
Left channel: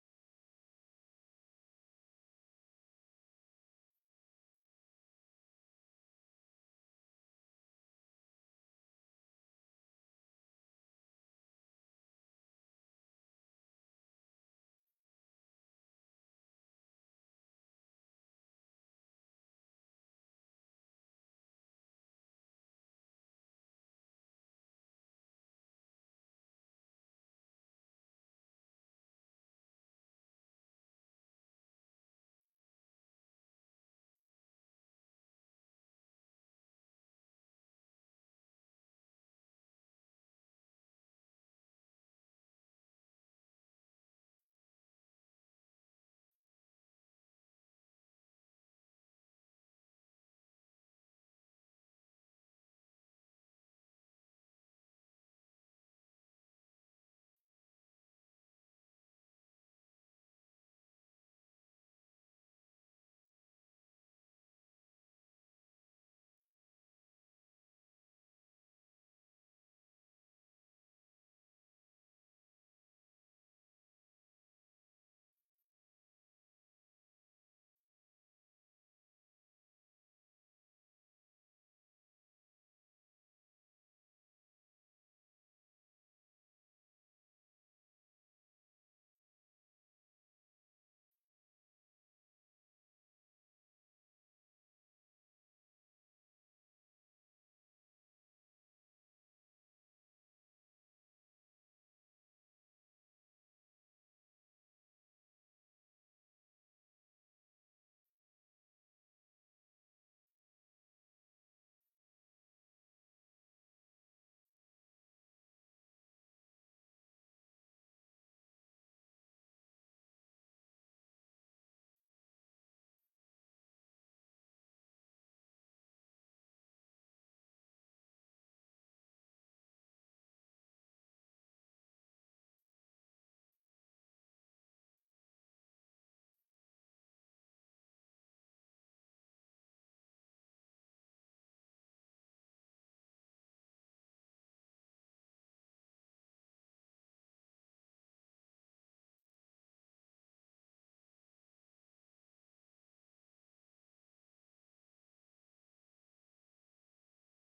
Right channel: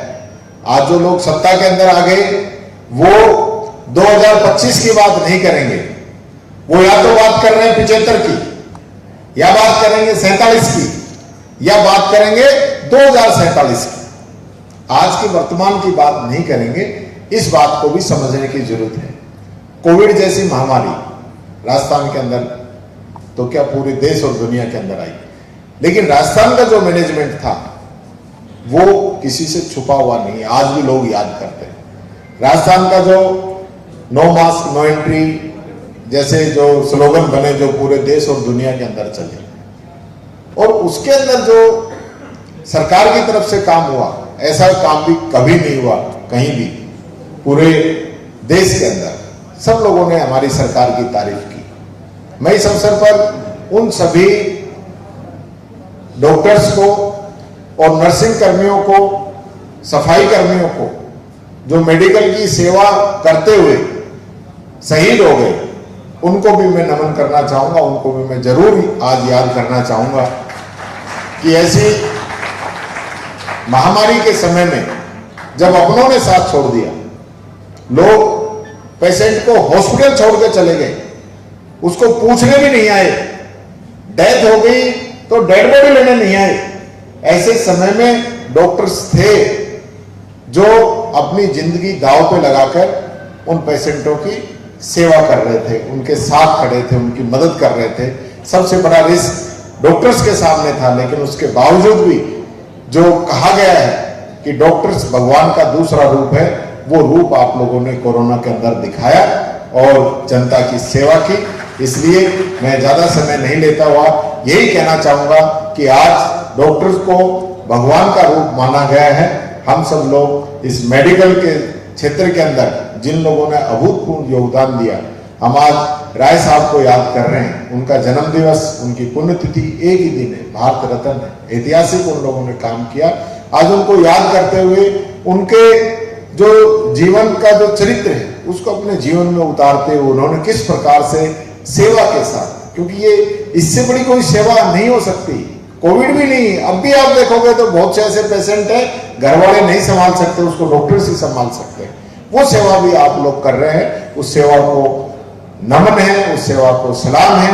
आज जो लोग सत्ता के अंदर आ गए, वो 2025 की बात नहीं करेंगे, वो या तो बात कर रहे हैं 75 की, या बात करेंगे 47 की, या बात करेंगे 2047 की। आज की वर्तमान की बात नहीं करेंगे। इस बात को भी समझने की जरूरत है। कोविड जैसी महामारी राजस्थान के अंदर तो क्या पूरे देश और दुनिया के अंदर आई, लेकिन राजस्थान का जो मैनेजमेंट था वो किसी से छुपा हुआ नहीं है। आज भी लोग याद करते हैं राजस्थान का जो नो मास्क नो एंट्री जैसे जो स्लोगन बने, जो पूरे देश और दुनिया के अंदर चले, और उसके अंदर जो सरकार की तरफ से काम हुआ, ऐसा काम भी कभी नहीं हुआ कहीं भी पूरे देश के अंदर। सब लोगों ने हमारी सरकार की तारीफ की। मैं इस अवसर पर उन सभी डॉक्टर्स को और नर्सिंग कर्मियों को, सफाई कर्मियों को, जो मेडिकल की सेवा करते हुए शहीद हो गए, उनको भी मैं नमन करना चाहूंगा। उनको भी मैं जरूर आज याद करना चाहूंगा कि ऐसी महामारी के समय में जब अपनों ने साथ छोड़ दिया, लोग पेशेंट को हॉस्पिटल छोड़ के चले गए, उसको पूछने भी नहीं आए, डेथ हो गई तो डेड बॉडी लेने नहीं आए। ऐसे समय में डॉक्टर्स थे जो अपनी जिंदगी दांव पे लगाकर उन पेशेंटों की सेवा कर रहे थे, उनके साथ खड़े थे, उनकी मदद कर रहे थे। सबसे बड़ा रिस्क डॉक्टर्स के सामने था, लेकिन उसके बावजूद भी जो कहा गया है कि डॉक्टर्स भगवान का दूसरा रूप है, वो रूप आप लोगों ने कोरोना के अंदर दिखाया और जनता की सेवा की। इसलिए मैं ज्यादा समय नहीं लेता हुआ यही कहना चाहूंगा कि आज डॉक्टर्स को भगवान का रूप माना गया है। हम सब लोग इस मेडिकल के क्षेत्र के अंदर जिन लोगों ने अभूतपूर्व योगदान दिया, हम आज राय साहब को याद कर रहे हैं। उनका जन्म दिवस, उनकी पुण्यतिथि एक ही दिन है, भारत रत्न है, ऐतिहासिक उन लोगों ने काम किया। आज उनको याद करते हुए उनके जो जीवन का जो चरित्र है उसको अपने जीवन में उतारते हुए उन्होंने किस प्रकार से सेवा के साथ, क्योंकि ये इससे बड़ी कोई सेवा नहीं हो सकती, कोविड भी नहीं। अब भी आप देखोगे तो बहुत से ऐसे पेशेंट हैं घर वाले नहीं संभाल सकते, उसको डॉक्टर्स ही संभाल सकते हैं। वो सेवा भी आप लोग कर रहे हैं, उस सेवा को नमन है, उस सेवा को सलाम है।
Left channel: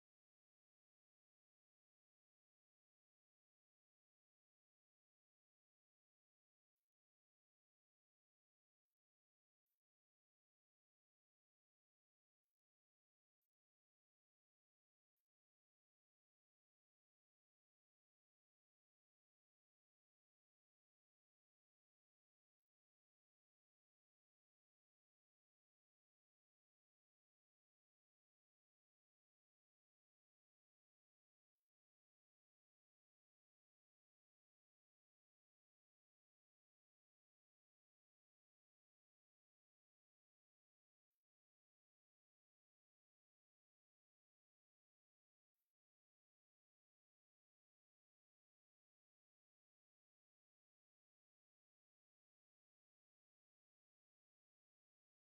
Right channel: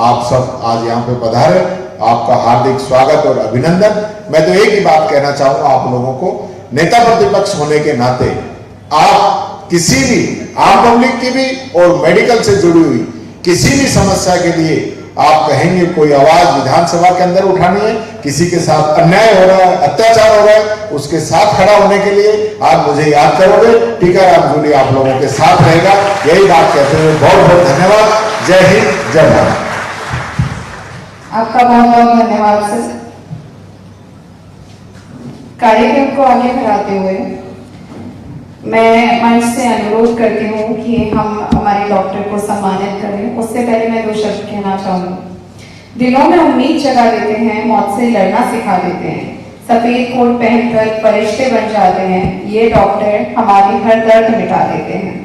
आप सब आज यहाँ पे पधारे, आपका हार्दिक स्वागत और अभिनंदन। मैं तो एक ही बात कहना चाहूंगा आप लोगों को, नेता प्रतिपक्ष होने के नाते आप किसी भी आम पब्लिक की भी और मेडिकल से जुड़ी हुई किसी भी समस्या के लिए आप कहेंगे कोई आवाज विधानसभा के अंदर उठानी है, किसी के साथ अन्याय हो रहा है, अत्याचार हो रहा है, उसके साथ खड़ा होने के लिए आप मुझे याद करोगे। टीकाराम जूली आप लोगों के साथ रहेगा। यही बात कहते हुए बहुत बहुत धन्यवाद। जय हिंद, जय भारत। आपका बहुत बहुत धन्यवाद सर। कार्यक्रम को आगे बढ़ाते हुए मैं मंच से अनुरोध करती हूँ कि हम हमारे डॉक्टर को सम्मानित करें। उससे पहले मैं 2 शब्द कहना चाहूँगी। दिलों में उम्मीद जगा देते हैं, मौत से लड़ना सिखा देते हैं, सफेद कोट पहनकर फरिश्ते बन जाते हैं। ये डॉक्टर हमारी हर दर्द मिटा देते हैं।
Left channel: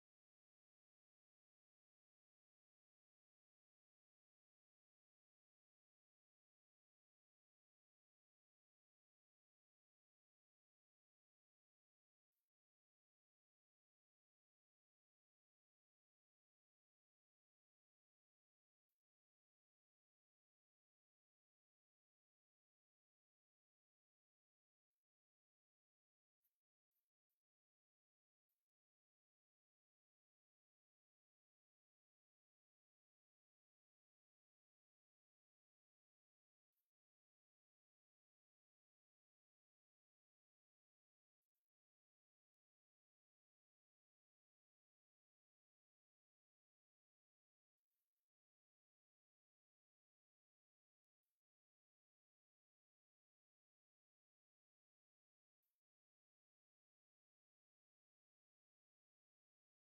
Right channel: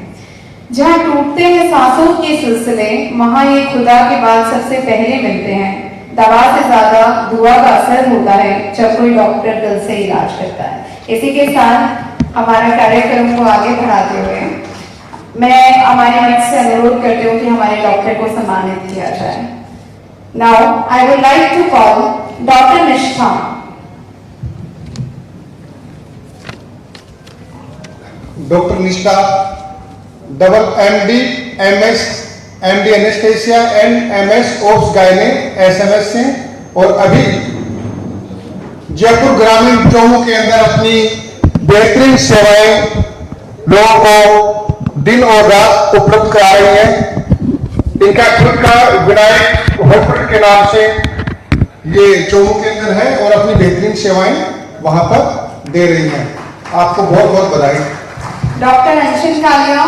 जहाँ टूटते हैं सांसों के सिलसिले, वहाँ ये खुदा के बाद सबसे पहले मिलते हैं। दवा से ज्यादा दुआ का असर होता है जब कोई डॉक्टर दिल से इलाज करता है। इसी के साथ हमारा कार्यक्रम को आगे बढ़ाते हुए मैं हमारे मंच से अनुरोध करती हूँ कि हमारे डॉक्टर को सम्मानित किया जाए। Now I would like to call doctor Nishtha. Doctor Nishtha double MD MS MD anaesthesia and MS obs gynae SMS से, और अभी जयपुर ग्रामीण चौमू के अंदर अपनी बेहतरीन सेवाएं लोगों को दिन और रात उपलब्ध करा रही हैं। इनका खुद का विनायक हॉस्पिटल के नाम से ये चौमू के अंदर है और अपनी बेहतरीन सेवाएं वहां पर दे रही हैं। आपको बहुत बहुत बधाई। डॉक्टर अंशिल कालिया,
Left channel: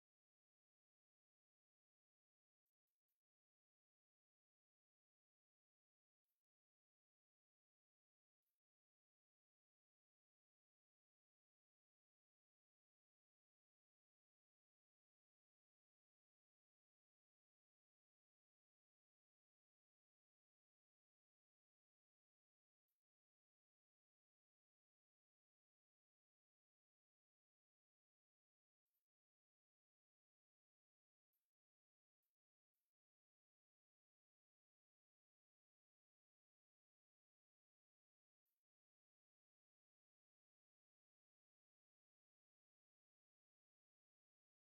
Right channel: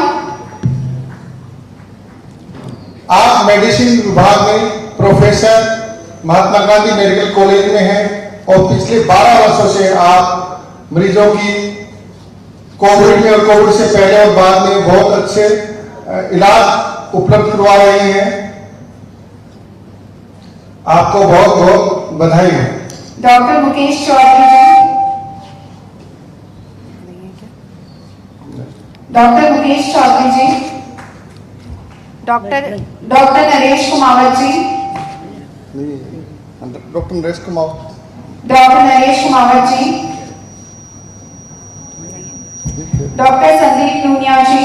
आप मेडिसिन विभाग में प्रोफेसर महात्मा गांधी मेडिकल कॉलेज में हैं और पिछले 12 वर्षों से आप मरीजों की कोविड में और कोविड से पहले और बाद में बहुत अच्छे इलाज उपलब्ध करवा रहे हैं। आपको बहुत बहुत बधाई है। Doctor Mukesh Chaudhary ji, doctor Mukesh Chaudhary ji, doctor Naresh Kumawat ji, doctor Naresh Kumar, doctor Naresh Kumawat ji, doctor Sandeep Nunia ji,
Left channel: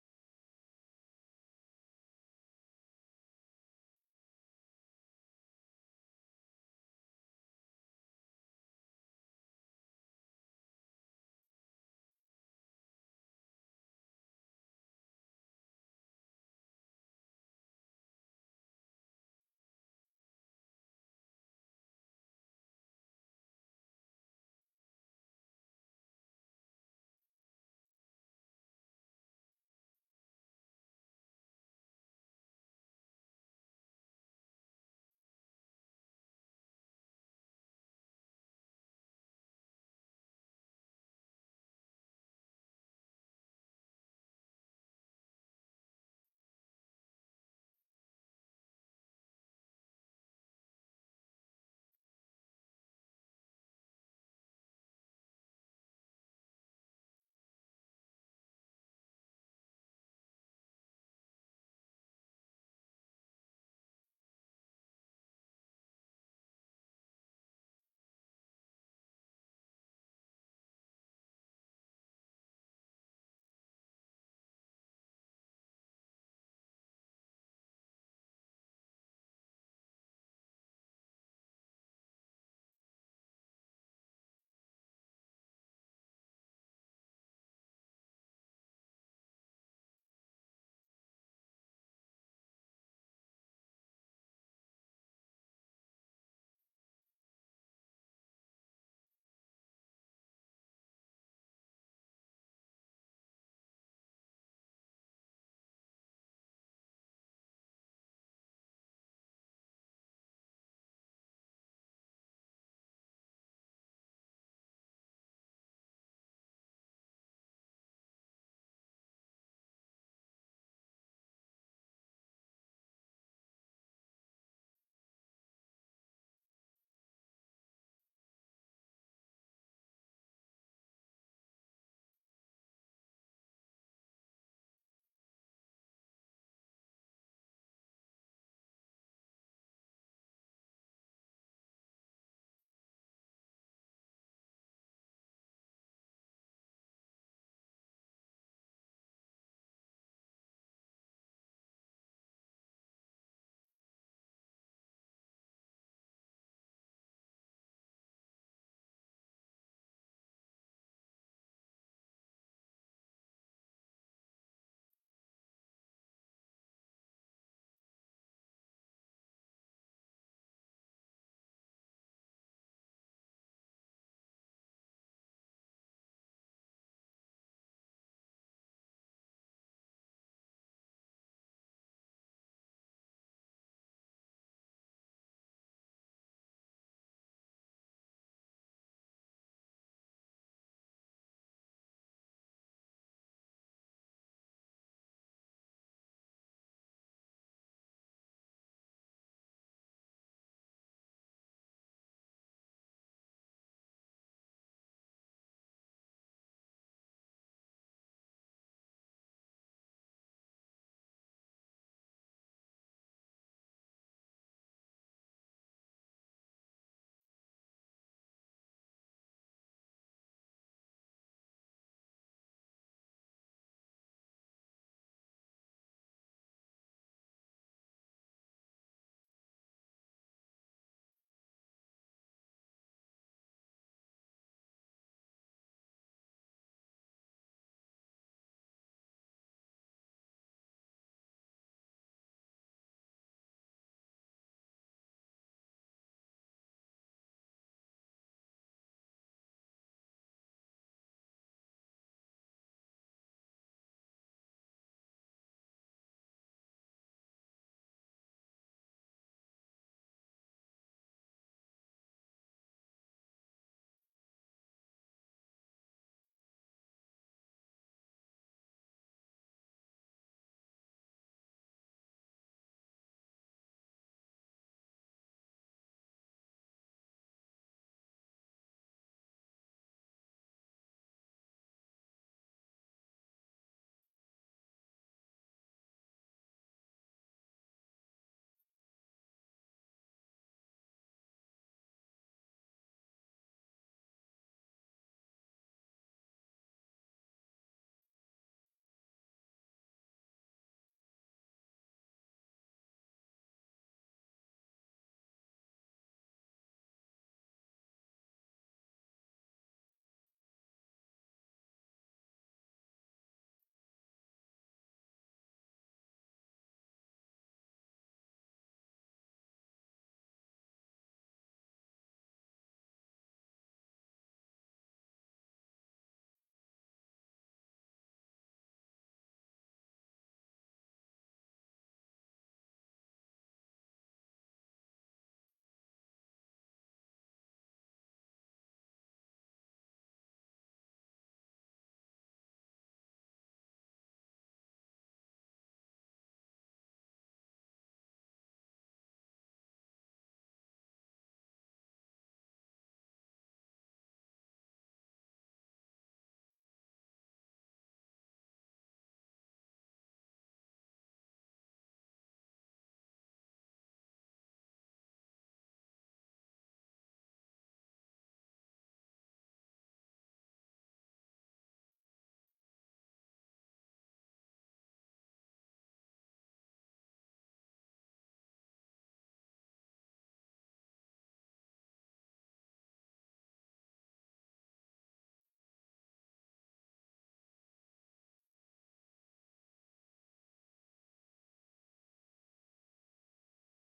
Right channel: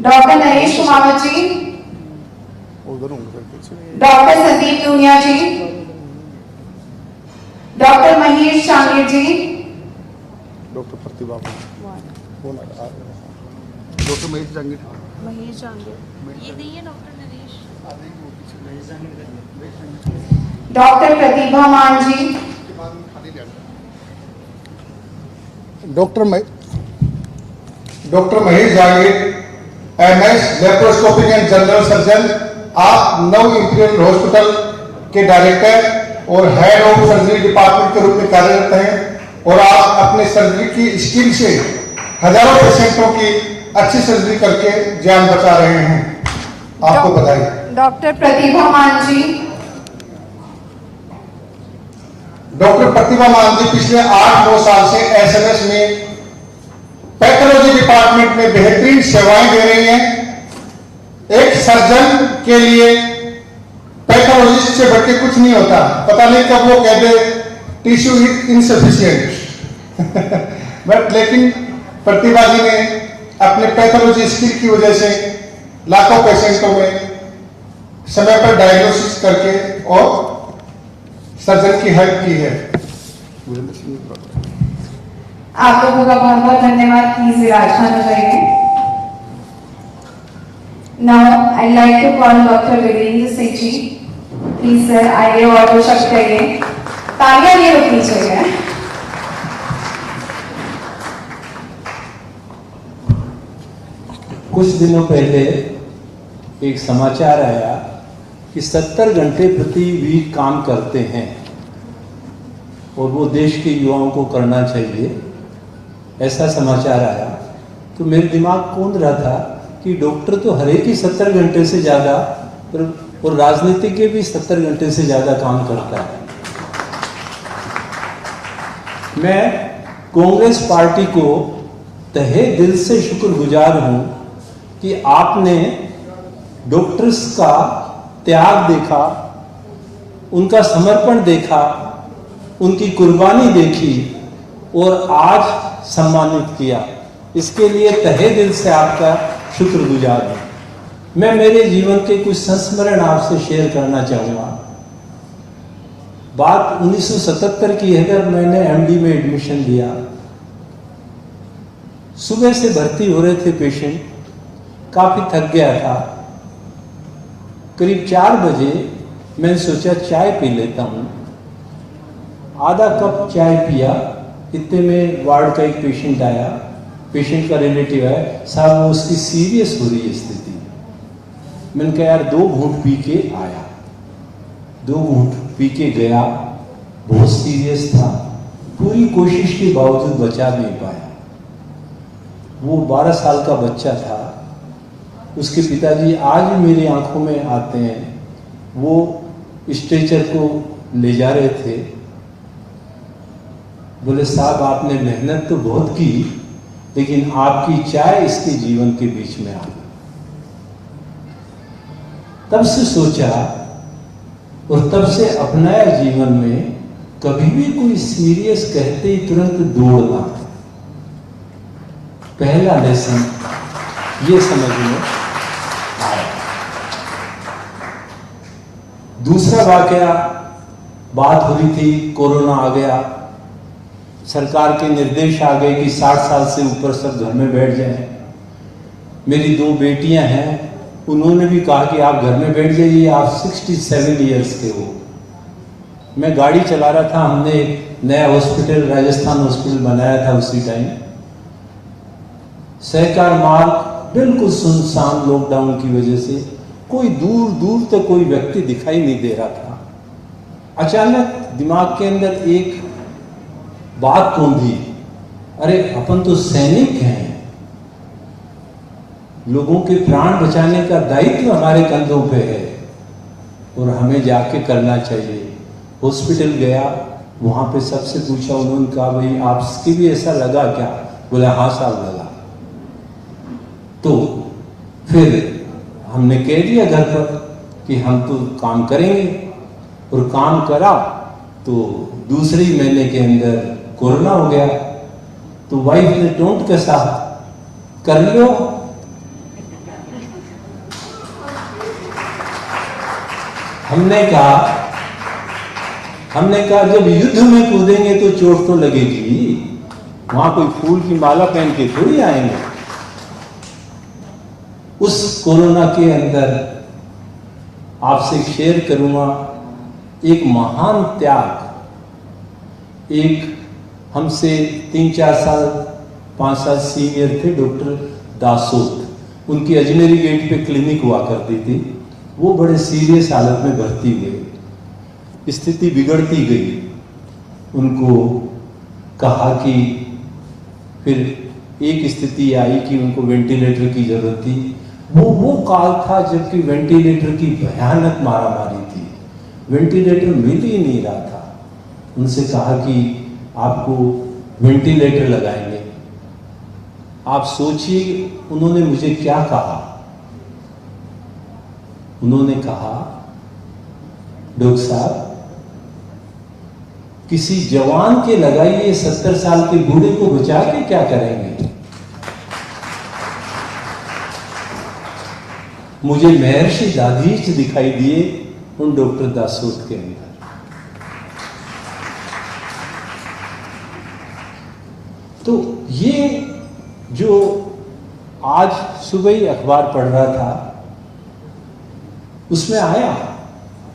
doctor Naresh Kumawat ji, doctor Sandeep Nunia ji, doctor Mahesh Changer ji, doctor Pratibha, doctor Mahesh Jangir, ये नहीं है doctor Naresh, doctor Pratibha Maan ji, doctor Mahesh Jangir MS laparoscopic and general surgeon. आप नव इंपीरियल हॉस्पिटल के डायरेक्टर और हेड ऑफ सर्जरी डिपार्टमेंट के रूप में कार्यरत हैं और आप अपने सर्जरी की स्किल से हजारों पेशेंटों की अच्छी सर्जरी करके जान बचा रहे हैं। आपको बधाई। डॉक्टर प्रतिभा मान जी, डॉक्टर प्रतिभा मान जी पिछले 8-9 साल से SMS में पैथोलॉजी डिपार्टमेंट में बेहतरीन सेवाएं दे रही हैं। एक सर्जन के लिए पैथोलॉजिस्ट से बढ़ के कुछ नहीं होता। पता नहीं कब वो कहते टिश्यू इज इनसफिशिएंट बट लेकिन प्रतिभा जी ने अपने पैथोलॉजी स्किल की वजह से लाखों पेशेंटों में समय पर डायग्नोसिस करके और सर्जन की हेल्प की है। आप लोगों का बहुत बहुत धन्यवाद। प्लीज विराजमान हो जाइए। Now I like to call doctor Virendra Singh ji. Please sir आइए और 2 शब्द कहिए। तालियां नहीं रुकनी चाहिए। कुछ दिनों पहले एक समाचार आया कि 70 घंटे प्रति वीक काम करते हैं और वो देश के युवाओं को करना चाहिए, ऐसा समाचार आया। तो मेरे दिमाग कौंध रहा था कि डॉक्टर तो हर एक ही 70 घंटे से ज़्यादा और राजनीतिज्ञ भी 70 घंटे से ज़्यादा काम करता है। मैं कांग्रेस पार्टी को तहे दिल से शुक्रगुजार हूँ कि आपने डॉक्टर्स का त्याग देखा, उनका समर्पण देखा, उनकी कुर्बानी देखी और आज सम्मानित किया। इसके लिए तहे दिल से आपका शुक्रगुजार हूं। मैं मेरे जीवन के कुछ संस्मरण आपसे शेयर करना चाहूँगा। बात 1977 की है जब मैंने MD में एडमिशन लिया। सुबह से भर्ती हो रहे थे पेशेंट, काफी थक गया था। करीब 4 बजे मैंने सोचा चाय पी लेता हूँ। आधा कप चाय पिया, इतने में वार्ड का एक पेशेंट आया, पेशेंट का रिलेटिव है, साहब वो उसकी सीरियस हो रही है स्थिति। मैंने कहा यार 2 घूंट पी के आया, 2 घूंट पी के गया, बहुत सीरियस था, पूरी कोशिश के बावजूद बचा नहीं पाया। वो 12 साल का बच्चा था, उसके पिताजी आज भी मेरी आंखों में आते हैं। वो स्ट्रेचर को ले जा रहे थे, बोले साहब आपने मेहनत तो बहुत की, लेकिन आपकी चाय इसके जीवन के बीच में आ गई। तब से सोचा और तब से अपनाया जीवन में, कभी भी कोई सीरियस कहते ही तुरंत दौड़ना। पहला लेसन ये समझ में आया। दूसरा वाकया, बात हो रही थी, कोरोना आ गया, सरकार के निर्देश आ गए कि 60 साल से ऊपर सब घर में बैठ जाएं। मेरी 2 बेटियां हैं, उन्होंने भी कहा कि आप घर में बैठ जाइए, आप 67 इयर्स के हो। मैं गाड़ी चला रहा था, हमने एक नया हॉस्पिटल राजस्थान हॉस्पिटल बनाया था उसी टाइम। सहकार मार्ग बिल्कुल सुनसान, लॉकडाउन की वजह से कोई दूर दूर तक कोई व्यक्ति दिखाई नहीं दे रहा था। अचानक दिमाग के अंदर एक बात कौंधी, अरे अपन तो सैनिक हैं, लोगों के प्राण बचाने का दायित्व हमारे कंधों पे है और हमें जाके करना चाहिए। हॉस्पिटल गया, वहां पे सबसे पूछा, उन्होंने कहा भाई आपकी भी ऐसा लगा क्या? बोला हाँ साहब लगा। तो फिर हमने कह दिया घर पर कि हम तो काम करेंगे, और काम करा तो दूसरे ही महीने के अंदर कोरोना हो गया। तो वाइफ ने टोंट कसा, कर लो। हमने कहा जब युद्ध में कूदेंगे तो चोट तो लगेगी, वहां कोई फूल की माला पहन के थोड़ी आएंगे। उस कोरोना के अंदर आपसे शेयर करूंगा एक महान त्याग। एक हमसे 3-4 साल 5 साल सीनियर थे डॉक्टर दासोत, उनकी अजमेरी गेट पे क्लिनिक हुआ करती थी। वो बड़े सीरियस हालत में भर्ती हुए, स्थिति बिगड़ती गई। उनको कहा कि फिर एक स्थिति आई कि उनको वेंटिलेटर की जरूरत थी। वो काल था जबकि वेंटिलेटर की भयानक मारामारी थी, वेंटिलेटर मिल ही नहीं रहा था। उनसे कहा कि आपको वेंटिलेटर लगाएंगे। आप सोचिए उन्होंने मुझे क्या कहा। उन्होंने कहा डॉक्टर साहब किसी जवान के लगाइए, 70 साल के बूढ़े को बचा के क्या करेंगे। मुझे महर्षि दाधीच दिखाई दिए उन डॉक्टर दासोत के अंदर। तो ये जो आज सुबह ही अखबार पढ़ रहा था, उसमें आया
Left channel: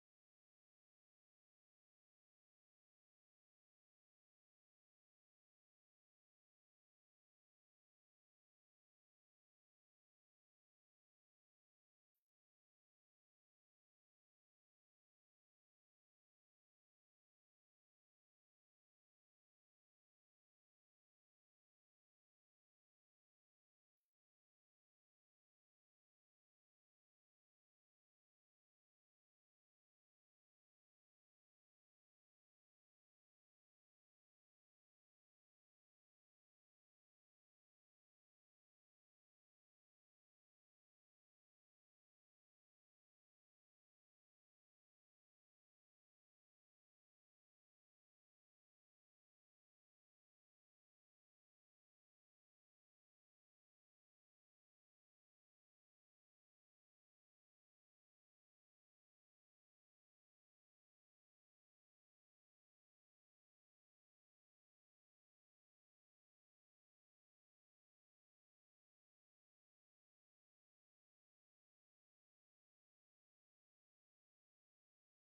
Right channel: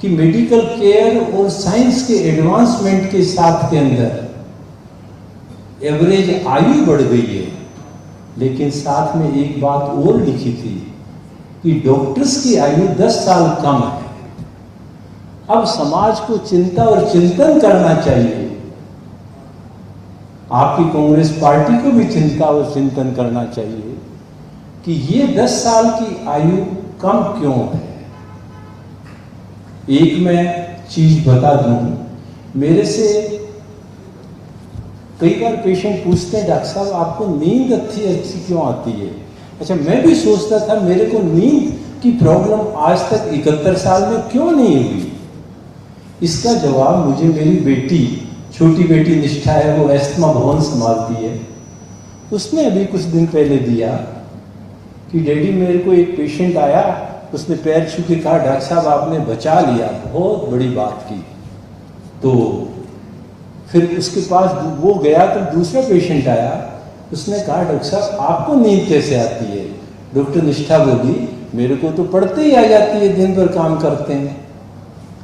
कि मेडिकल केयर और साइंस के एडवांसमेंट के साथ के अंदर एवरेज आयु बढ़ गई है, लेकिन साथ में एक बात और लिखी थी कि डॉक्टर्स की आयु 10 साल कम है। अब समाज को चिंता और चिंतन करना चाहिए। आपकी कांग्रेस पार्टी को भी चिंता और चिंतन करना चाहिए कि ये 10 साल की आयु कम क्यों है। एक मैं चीज बता दूं, मेरे से कई बार पेशेंट पूछते हैं डॉक्टर साहब आपको नींद अच्छी क्यों आती है। अच्छा, मैं भी सोचता था मेरे को नींद की प्रॉब्लम आज तक 71 साल में क्यों नहीं हुई। इसका जवाब मुझे मेरी बेटी, छोटी बेटी निष्ठा है, वो एस्थमा भवन संभालती है, उसने अभी कुछ दिन पहले दिया कि डैडी मेरे को एक पेशेंट आया, उसने पैर छू के कहा डॉक्टर साहब आपने बचा लिया, बहुत बड़ी बात की। तो फिर उसके पास वो गया तो दूसरा पेशेंट आया, उसने कहा डॉक्टर साहब आपको नींद कैसे आती है। डॉक्टर निष्ठा बोली मेरे को तो पढ़ते ही आ जाती है, दिन भर काम करते हैं।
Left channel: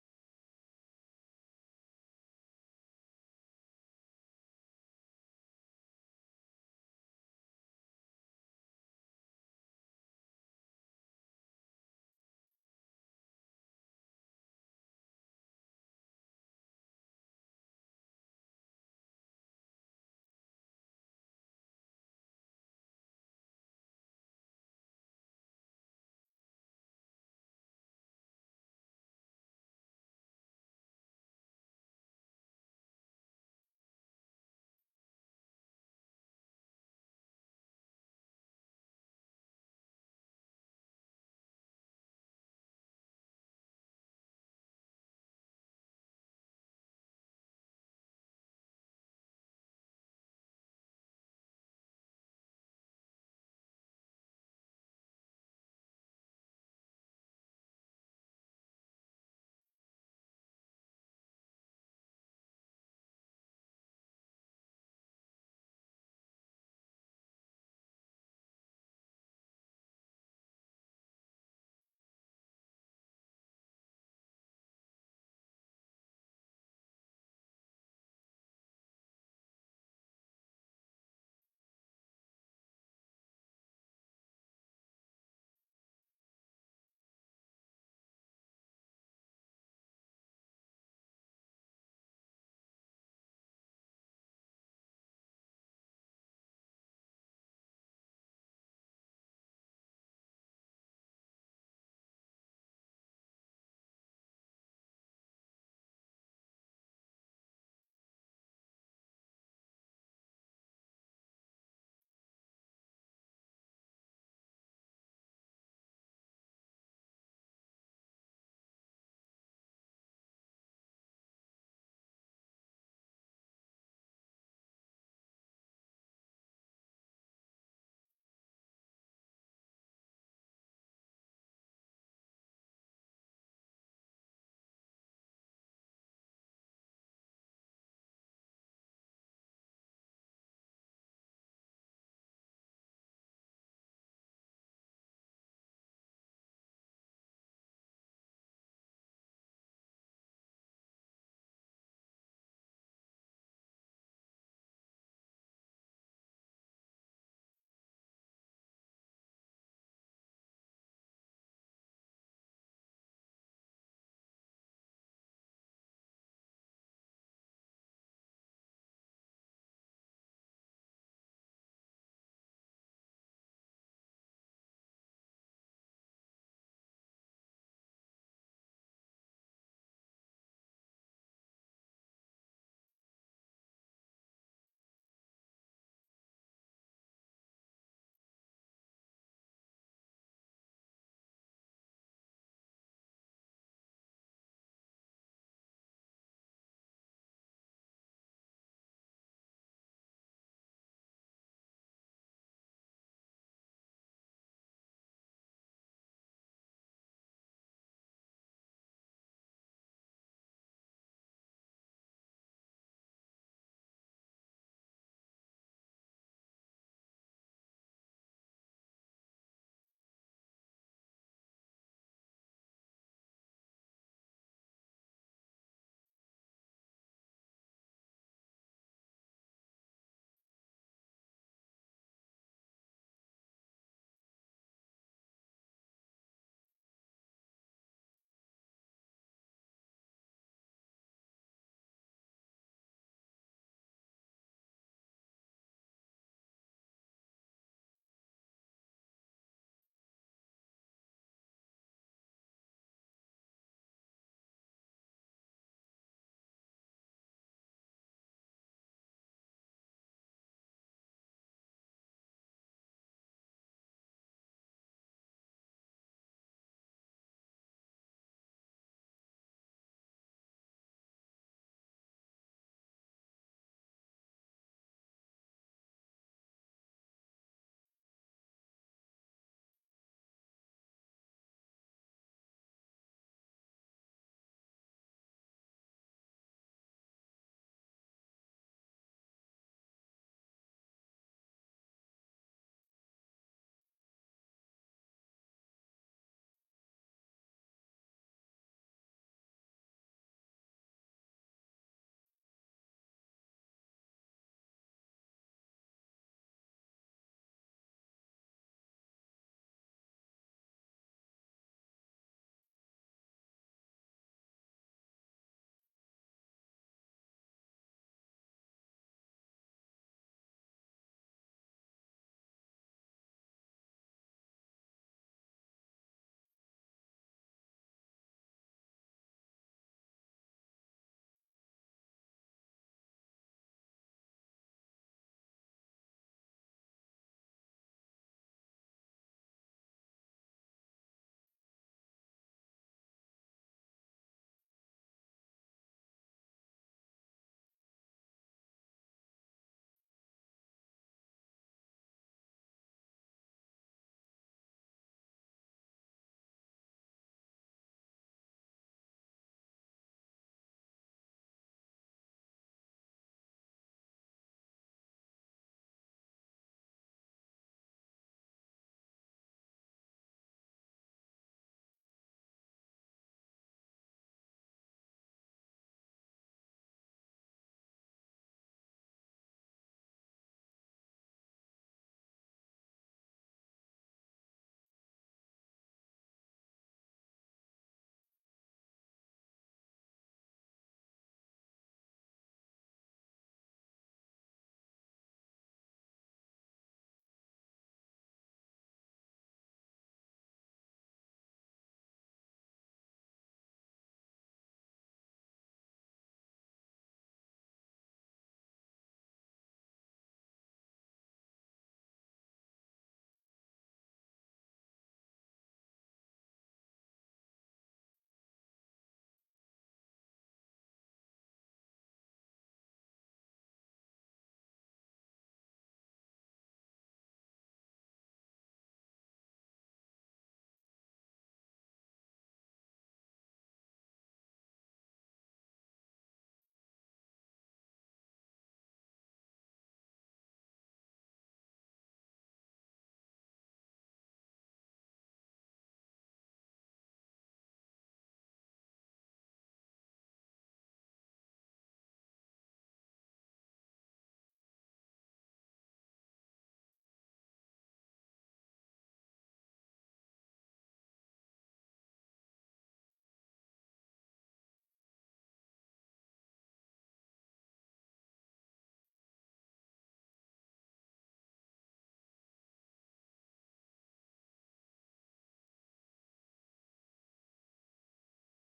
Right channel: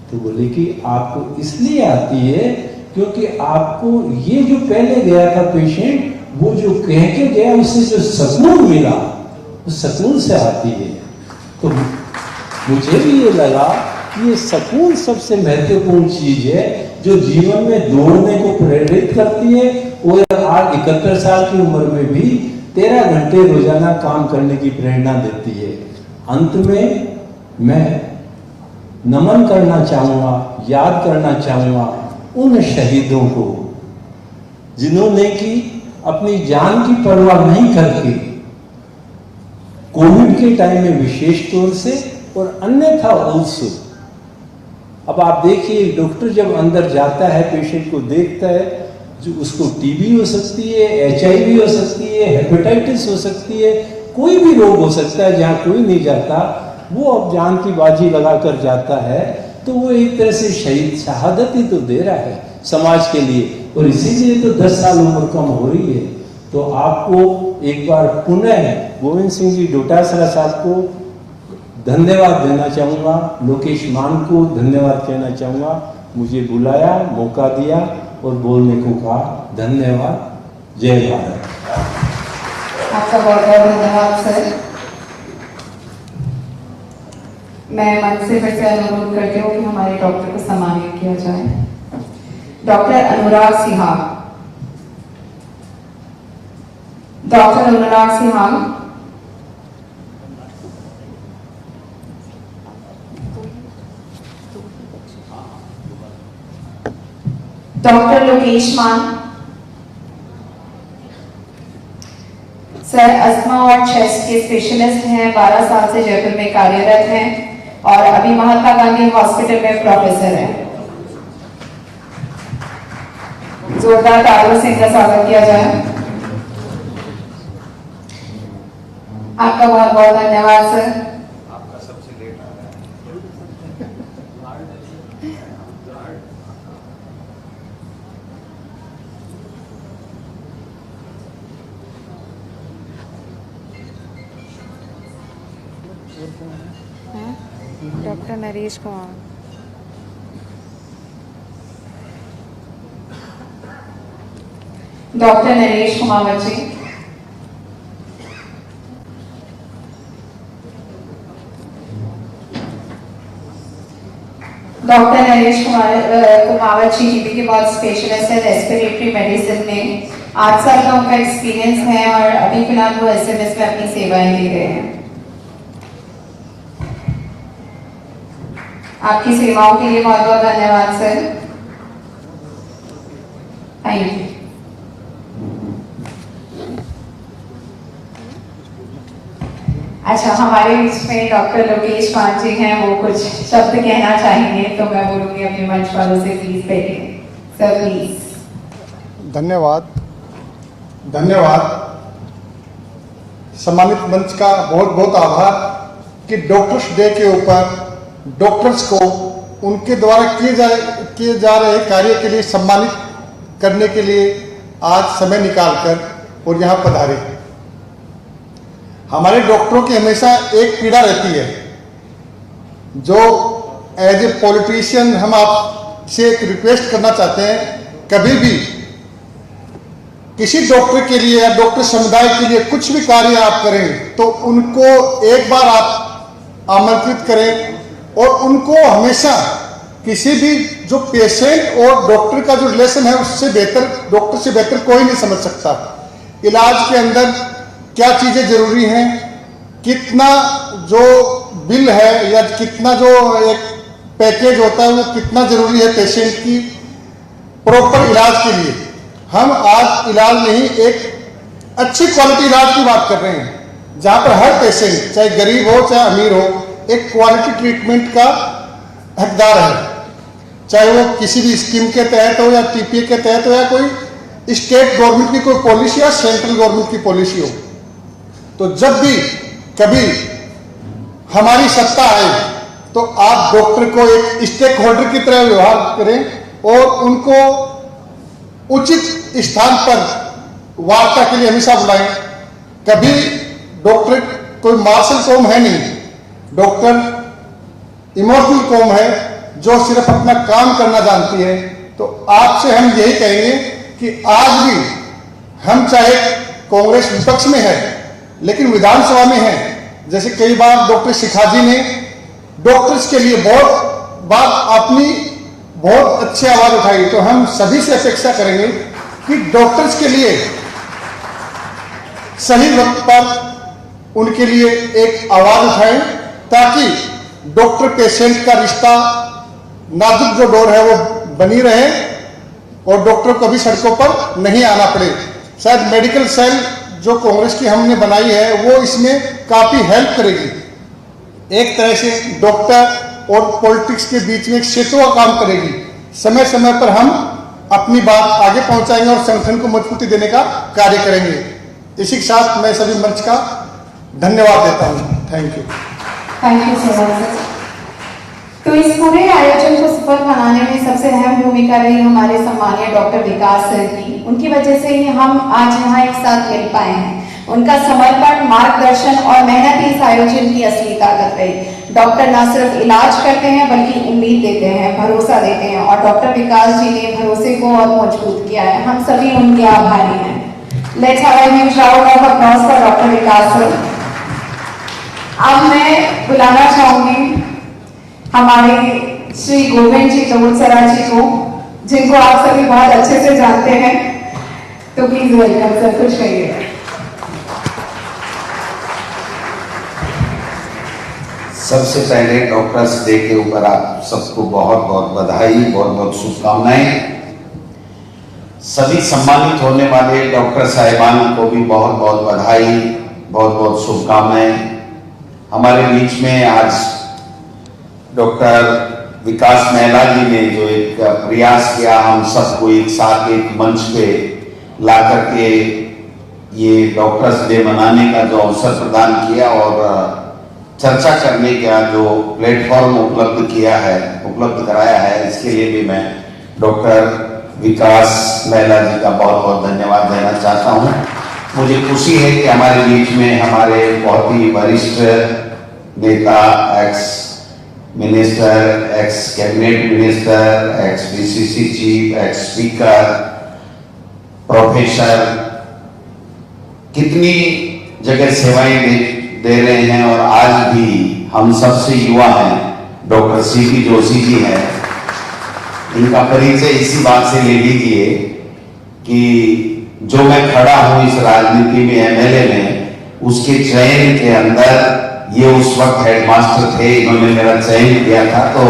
तो बोले कि आपको इसलिए आती है क्योंकि आपको ये जो पहले गया था पेशेंट, वो जो कह के गया उससे जो सुकून मिला, उस सुकून से आती है। तो मुझे भी ये लगा कि ये सुकून सबसे महत्वपूर्ण चीज है जो जीवन में दौड़ने को प्रेरित करती है। और आज 71 साल की उम्र में भी 13 घंटे रोजाना काम करने की प्रेरणा देती है। अंत में मैं नमन करना चाहूंगा, याद करना चाहूंगा उन शहीदों को जिन्होंने कि अपनी जान की परवाह नहीं करके कोविड के टाइम में विशेष तौर से और अन्यथा ऑल्सो। अब आप देखिए डॉक्टर जब अंदर जाता है, पेशेंट को देखता है, जो उसको टीबी हो सकती है, HIV हो सकती है, हेपेटाइटिस हो सकती है, कोई भी रोग हो सकता है जहाँ कोई नहीं जाता, वो अब जान की बाजी लगाकर जाता है। तो वो एक तरह से शहीद शहादत ही तो दे रहा है समाज के लिए, और इसीलिए तो 10 साल उम्र कम हो रही है। तो आपको एक बार पुनः गोविंद सिंह जी डोटासरा साहब को धन्यवाद देना चाहूँगा, लोकेश मान को धन्यवाद कहना चाहूँगा, मुझे बुलाया, मौका दिया और बोलने को कहा। धन्यवाद। जय भारत। आपका बहुत बहुत धन्यवाद सर। मैं मन से फिर से अनुरोध करती हूँ कि हमारे डॉक्टर को सम्मानित किया जाए। डॉक्टर अनुराग सिंहाग। डॉक्टर अनुराग सिंहाग। डॉक्टर लोकेश मान। सर अस्थमा और चेस्ट के स्पेशलिस्ट हैं, 12 साल से जयपुर में कार्यरत हैं और अभी महात्मा गांधी हॉस्पिटल में प्रोफेसर हैं। जोरदार तालियों से इनका स्वागत किया जाए। आपका बहुत बहुत धन्यवाद sir. Doctor Naresh Kumar. Doctor Naresh Kumar ji. Doctor Naresh Kumawat ji GB के बहुत स्पेशलिस्ट है रेस्पिरेटरी मेडिसिन में। 8 साल का उनका एक्सपीरियंस है और अभी फिलहाल वो SMS में अपनी सेवाएं दे रहे हैं। आपकी सेवाओं के लिए बहुत बहुत धन्यवाद सर। Thank you. अच्छा, हमारे बीच में डॉक्टर लोकेश मान जी हैं, वो कुछ शब्द कहना चाहेंगे तो मैं बोलूंगी अपने मंच वालों से प्लीज बैठिए सर प्लीज। धन्यवाद। सम्मानित मंच का बहुत बहुत आभार कि डॉक्टर्स डे के ऊपर डॉक्टर्स को उनके द्वारा किए जा रहे कार्य के लिए सम्मानित करने के लिए आज समय निकालकर और यहाँ पधारे। हमारे डॉक्टरों की हमेशा एक पीड़ा रहती है, जो एज ए पॉलिटिशियन हम आपसे एक रिक्वेस्ट करना चाहते हैं, कभी भी किसी डॉक्टर के लिए या डॉक्टर समुदाय के लिए कुछ भी कार्य आप करें तो उनको एक बार आप आमंत्रित करें और उनको हमेशा किसी भी जो पेशेंट और डॉक्टर का जो रिलेशन है उससे बेहतर, डॉक्टर से बेहतर कोई नहीं समझ सकता। इलाज के अंदर क्या चीजें जरूरी हैं, कितना जो बिल है या कितना जो एक पैकेज होता है वो कितना जरूरी है पेशेंट की प्रॉपर इलाज के लिए। हम आज इलाज नहीं, एक अच्छी क्वालिटी इलाज की बात कर रहे हैं, जहां पर हर पेशेंट चाहे गरीब हो चाहे अमीर हो एक क्वालिटी ट्रीटमेंट का हकदार है, चाहे वो किसी भी स्कीम के तहत हो या TPA के तहत हो या कोई स्टेट गवर्नमेंट की कोई पॉलिसी या सेंट्रल गवर्नमेंट की पॉलिसी हो। तो जब भी कभी हमारी सत्ता आए तो आप डॉक्टर को एक स्टेक होल्डर की तरह व्यवहार करें और उनको उचित स्थान पर वार्ता के लिए हमेशा बुलाएं। कभी डॉक्टर कोई मार्शल कौम है नहीं, डॉक्टर इमोशनल कौम है जो सिर्फ अपना काम करना जानती है। तो आपसे हम यही कहेंगे कि आज भी हम चाहे कांग्रेस विपक्ष में है लेकिन विधानसभा में है, जैसे कई बार डॉक्टर शिखा जी ने डॉक्टर्स के लिए बहुत बात अपनी बहुत अच्छी आवाज उठाई, तो हम सभी से अपेक्षा करेंगे कि डॉक्टर्स के लिए सही वक्त पर उनके लिए एक आवाज उठाएं ताकि डॉक्टर पेशेंट का रिश्ता नाजुक जो डोर है वो बनी रहे और डॉक्टर को भी सड़कों पर नहीं आना पड़े। शायद मेडिकल सेल जो कांग्रेस की हमने बनाई है वो इसमें काफी हेल्प करेगी। एक तरह से डॉक्टर और पॉलिटिक्स के बीच में एक सेतु का काम करेगी। समय समय पर हम अपनी बात आगे पहुंचाएंगे और संगठन को मजबूती देने का कार्य करेंगे। इसी के साथ मैं सभी मंच का धन्यवाद देता हूं। Thank you. Thank you so much. तो इस पूरे आयोजन को सफल बनाने में सबसे अहम भूमिका रही हमारे सम्मानीय डॉक्टर विकास सर की। उनकी वजह से ही हम आज यहाँ एक साथ मिल पाए हैं। उनका समर्पण, मार्गदर्शन और मेहनत इस आयोजन की असली ताकत रही। डॉक्टर न सिर्फ इलाज करते हैं बल्कि उम्मीद देते हैं, भरोसा देते हैं और डॉक्टर विकास जी ने भरोसे को और मजबूत किया है। हम सभी उनके आभारी हैं। Let's have a huge round of applause for doctor Vikas sir. अब मैं बुलाना चाहूंगी हमारे श्री गोविंद जी तोड़सरा जी को, जिनको आप सभी बहुत अच्छे से जानते हैं। तो प्लीज वेलकम सर, कुछ कहिए। सबसे पहले डॉक्टर्स डे के ऊपर आप सबको बहुत बहुत बधाई, बहुत बहुत शुभकामनाएं। सभी सम्मानित होने वाले डॉक्टर साहिबान को भी बहुत बहुत बधाई, बहुत बहुत शुभकामनाएं। हमारे बीच में आज डॉक्टर विकास महिला जी ने जो एक प्रयास किया हम सबको एक साथ एक मंच पे ला करके ये डॉक्टर्स डे मनाने का जो अवसर प्रदान किया और चर्चा करने का जो प्लेटफॉर्म उपलब्ध कराया है, इसके लिए भी मैं डॉक्टर विकास महिला जी का बहुत बहुत धन्यवाद देना चाहता हूँ। मुझे खुशी है कि हमारे बीच में हमारे बहुत ही वरिष्ठ नेता, ex minister, x cabinet minister, x BCC chief, x speaker, professor कितनी जगह सेवाएं दे रहे हैं और आज भी हम सबसे युवा हैं डॉक्टर सीपी जोशी जी हैं। इनका परिचय इसी बात से ले लीजिए कि जो मैं खड़ा हूं इस राजनीति में, एमएलए में, उसके चयन के अंदर ये उस वक्त हेडमास्टर थे, इन्होंने मेरा चयन किया था। तो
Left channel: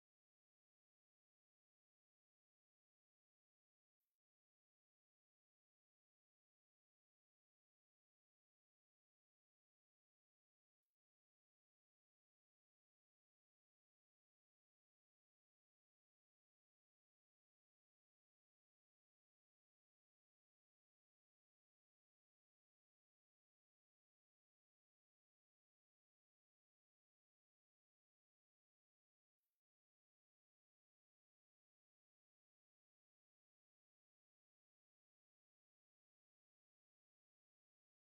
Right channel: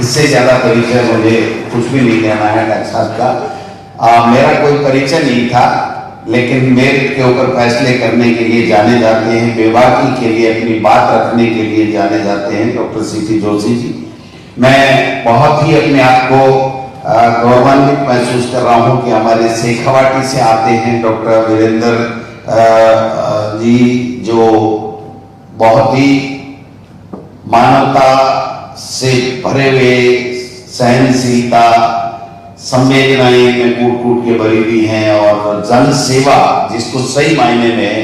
इससे ज्यादा परिचय मुझे कुछ भी नहीं देना है डॉक्टर साहब का। मेरा कोई परिचय नहीं था, लेकिन मेरिट के ऊपर फैसले करने के लिए जाने जाते हैं, बेबाकी के लिए अपनी बात रखने के लिए जाने जाते हैं डॉक्टर सीपी जोशी जी। मैं बहुत ही अपने आप को गौरवान्वित महसूस कर रहा हूँ कि हमारे शेखावाटी से आते हैं डॉक्टर वीरेंद्र जी, जो बहुत ही मानवता से भरे हुए, सहनशीलता, संवेदनाएं में कूट कूट के भरी हुई हैं और जन सेवा जिसको सही मायने में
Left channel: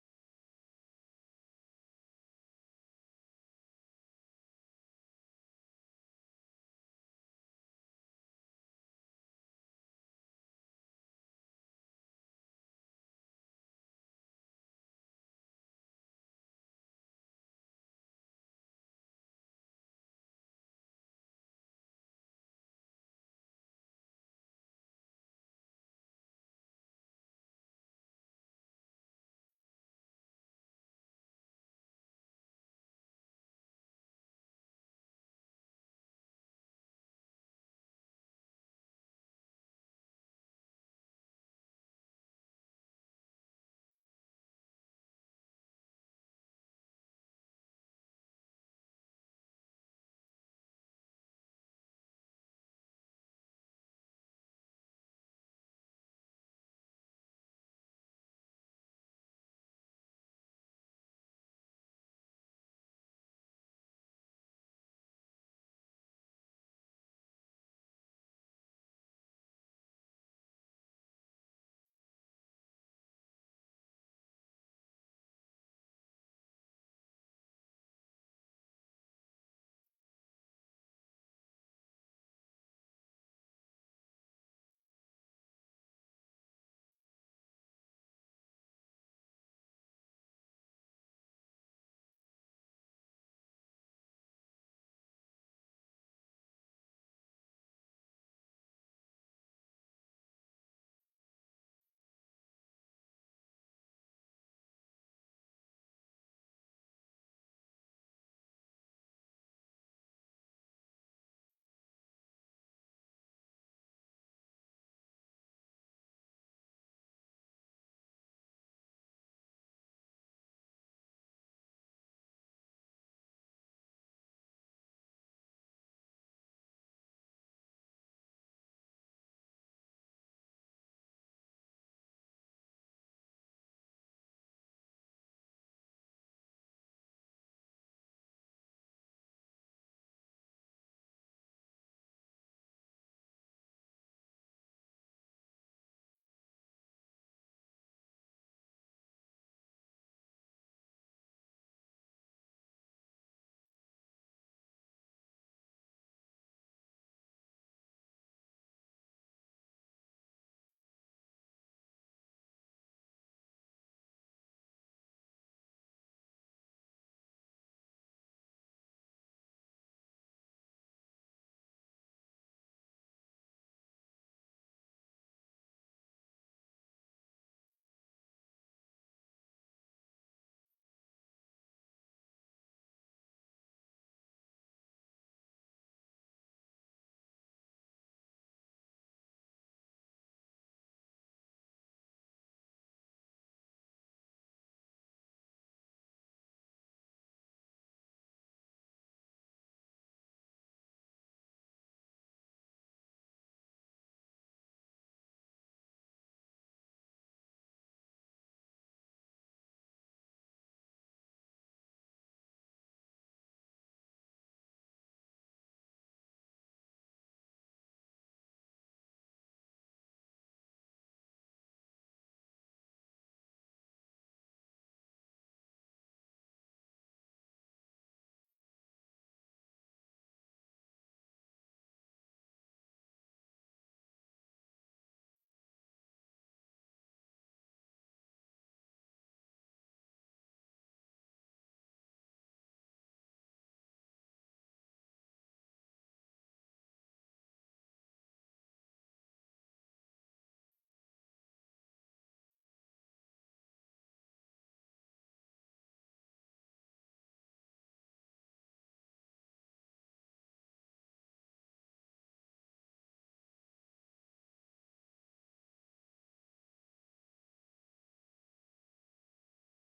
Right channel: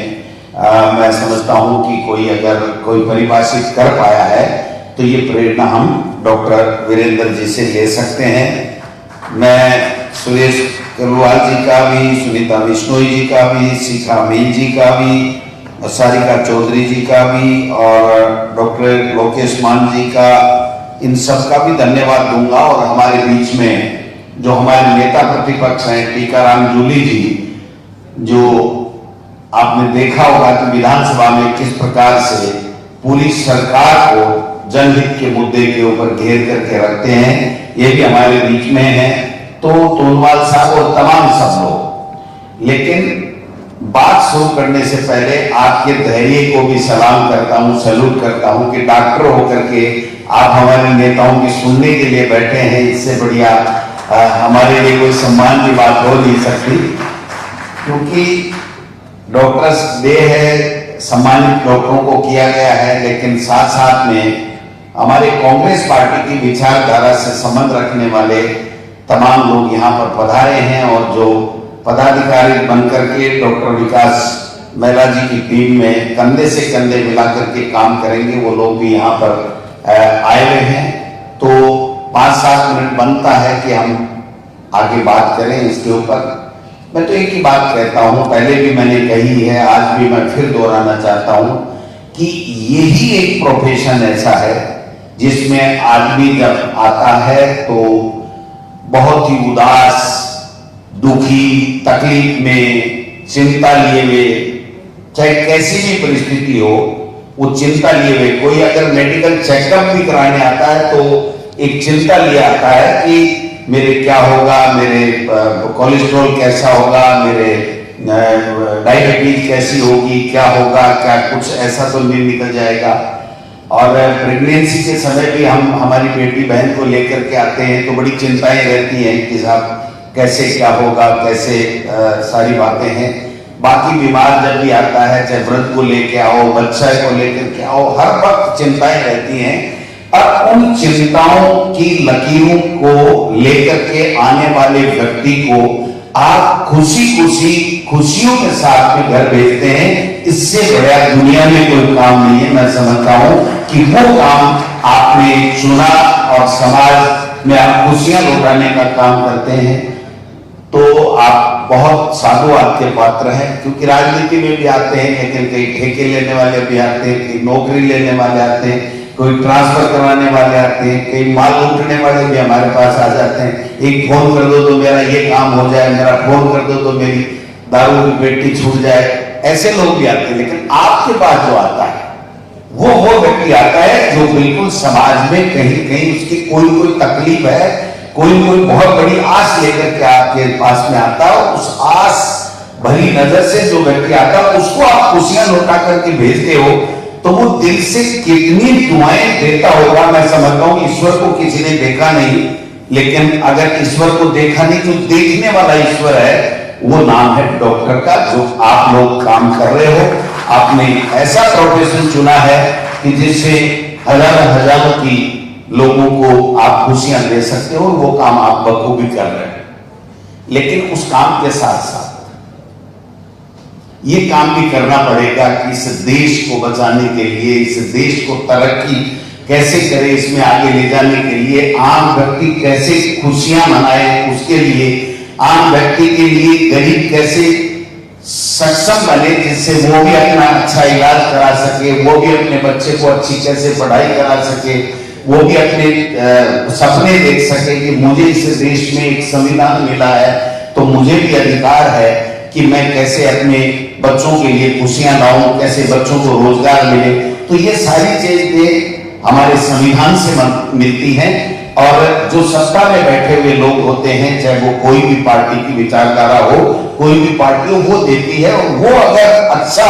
मैं समझता हूं कि कोई अगर कोई परिभाषित कर पाया है तो ये प्रेरणा हम डॉक्टर वीरेंद्र जी से ले सकते हैं। मैं सुरेश कलवाल जी का भी, सुनीता बिश्नोई जी का भी, शिखा मील जी का भी, सारिका चौधरी जी का भी और डॉक्टर लोकेश मान जी का, इन सब का भी धन्यवाद दूंगा। और हमारे बीच में जो हमारे नेता प्रतिपक्ष हैं टीकाराम जूली जी, जो आपने देखा होगा कि विधानसभा में किस प्रकार से पूरी सरकार को जनहित के मुद्दे के ऊपर घेर करके रखते हैं, ये भी हमारे बीच में है। तो तोनवाल साहब और तमाम सब लोग, लेकिन बात शुरू करने से पहले आपके धैर्य को भी सलाम करता हूं, सैल्यूट करता हूं कि डॉक्टर होकर के आप हमारे नेताओं की सुनने के लिए बैठे हैं। इससे बढ़िया हमारे लिए कोई सम्मान की बात हो नहीं सकती, क्योंकि डॉक्टर्स डे है, सम्मानित डॉक्टरों को किया गया है, लेकिन साथ साथ में हमारे कांग्रेस पार्टी की विचारधारा से संबंध रखने वाले तमाम लोग यहाँ पर पधारे हैं और जो पदाधिकारी बनकर के डॉक्टर विकास महिला जी की टीम में कंधे से कंधे मिलाकर के काम करेंगे। वो लोग भी यहाँ पर आए हुए हैं, तो 5-7 मिनट बनता है कि हम आगे बात करें इसके ऊपर। मैं तो एक ही बात कहता हूं, पहले भी मैंने कही है, आज भी मैं फिर दोहराना चाहता हूं कि यही एक प्रोफेशन ऐसा है जिसमें आदमी जब आता है तो बहुत ही उदास, दुखी, तकलीफ में, चिंता लिए हुए, चाहे कैसी भी परिस्थिति हो, वो चिंता लिए हुए। कोई अगर मेडिकल चेकअप भी कराने आता है तो एक चिंता लिए आता है कि मेरे क्या होगा, मेरे कोलेस्ट्रॉल कैसा होगा, मेरे डायबिटीज कैसी होगी, क्या होगा, क्या कुछ ऐसा तो नहीं निकल जाएगा। और प्रेगनेंसी के समय भी हम हमारी बेटी बहन को लेकर के आते हैं तो बड़ी चिंताएं रहती हैं कि साहब कैसे क्या होगा, कैसे सारी बातें हैं। बाकी बीमार जब भी आता है, चाहे वृद्ध को लेके आओ, बच्चा को लेकर के आओ, हर वक्त चिंताएं रहती हैं। और उन चिंताओं की लकीरों को लेकर के आने वाले व्यक्ति को आप खुशियों के साथ में घर भेजते हैं। इससे बड़ा दुनिया में कोई काम नहीं है। मैं समझता हूं कि वो काम आपने चुना और समाज में आप खुशियां लौटाने का काम करते हैं, तो आप बहुत साधुवाद के पात्र हैं। क्योंकि राजनीति में भी आते हैं, लेकिन कई ठेके लेने वाले भी आते हैं, कई नौकरी लेने वाले आते हैं, कोई ट्रांसफर करवाने वाले आते हैं, कई माल लूटने वाले भी हमारे पास आ जाते हैं। एक फोन कर दो तो मेरा ये काम हो जाए, मेरा फोन कर दो तो मेरी दारू की पेटी छूट जाए, ऐसे लोग भी आते हैं। लेकिन आपके पास जो आता है वो व्यक्ति आता है जो बिल्कुल समाज में कहीं उसकी कोई तकलीफ है, कोई बहुत बड़ी आस लेकर के आपके पास में आता है। उस आस भरी नजर से जो व्यक्ति आता है उसको आप खुशियां लौटा करके भेजते हो, तो वो दिल से कितनी दुआएं देता होगा। मैं समझता हूं ईश्वर को किसी ने देखा नहीं, लेकिन अगर ईश्वर को देखा नहीं तो देखने वाला ईश्वर है, वो नाम है डॉक्टर का, जो आप लोग काम कर रहे हो। आपने ऐसा प्रोफेशन चुना है कि जिससे हजारों की लोगों को आप खुशियां दे सकते हो, वो काम आप बखूबी कर रहे हैं। लेकिन उस काम के साथ साथ ये काम भी करना पड़ेगा कि इस देश को बचाने के लिए, इस देश को तरक्की कैसे करे, इसमें आगे ले जाने के लिए आम व्यक्ति कैसे खुशियां मनाए, उसके लिए आम व्यक्ति के लिए गरीब कैसे सक्षम बने, जिससे वो भी अपना अच्छा इलाज करा सके, वो भी अपने बच्चे को अच्छी कैसे पढ़ाई करा सके, वो भी अपने सपने देख सके कि मुझे इस देश में एक संविधान मिला है तो मुझे भी अधिकार है कि मैं कैसे अपने बच्चों के लिए खुशियां लाऊं, कैसे बच्चों को रोजगार मिले। तो ये सारी चीजें हमारे संविधान से मिलती हैं। और जो सत्ता में बैठे हुए लोग होते हैं, चाहे वो कोई भी पार्टी की विचारधारा हो, कोई भी पार्टी हो, वो देती है। और वो अगर अच्छा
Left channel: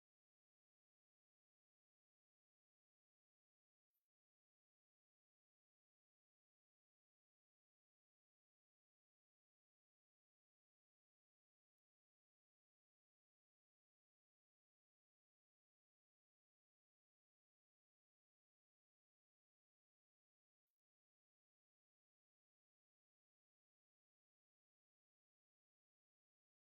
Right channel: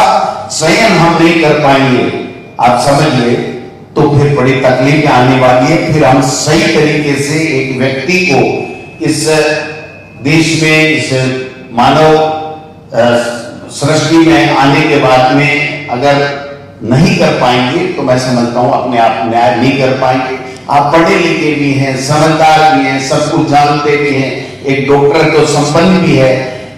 चयन हम नहीं कर पाएंगे, आप समझिए, तो फिर बड़ी तकलीफें आने वाली है। फिर हम सही तरीके से एक व्यक्ति को इस देश में, इस मानव सृष्टि में आने के बाद में अगर नहीं कर पाएंगे तो मैं समझता हूं अपने आप न्याय नहीं कर पाएंगे। आप पढ़े लिखे भी हैं, समझदार भी हैं, सब कुछ जानते भी हैं, एक डॉक्टर तो संपन्न भी है,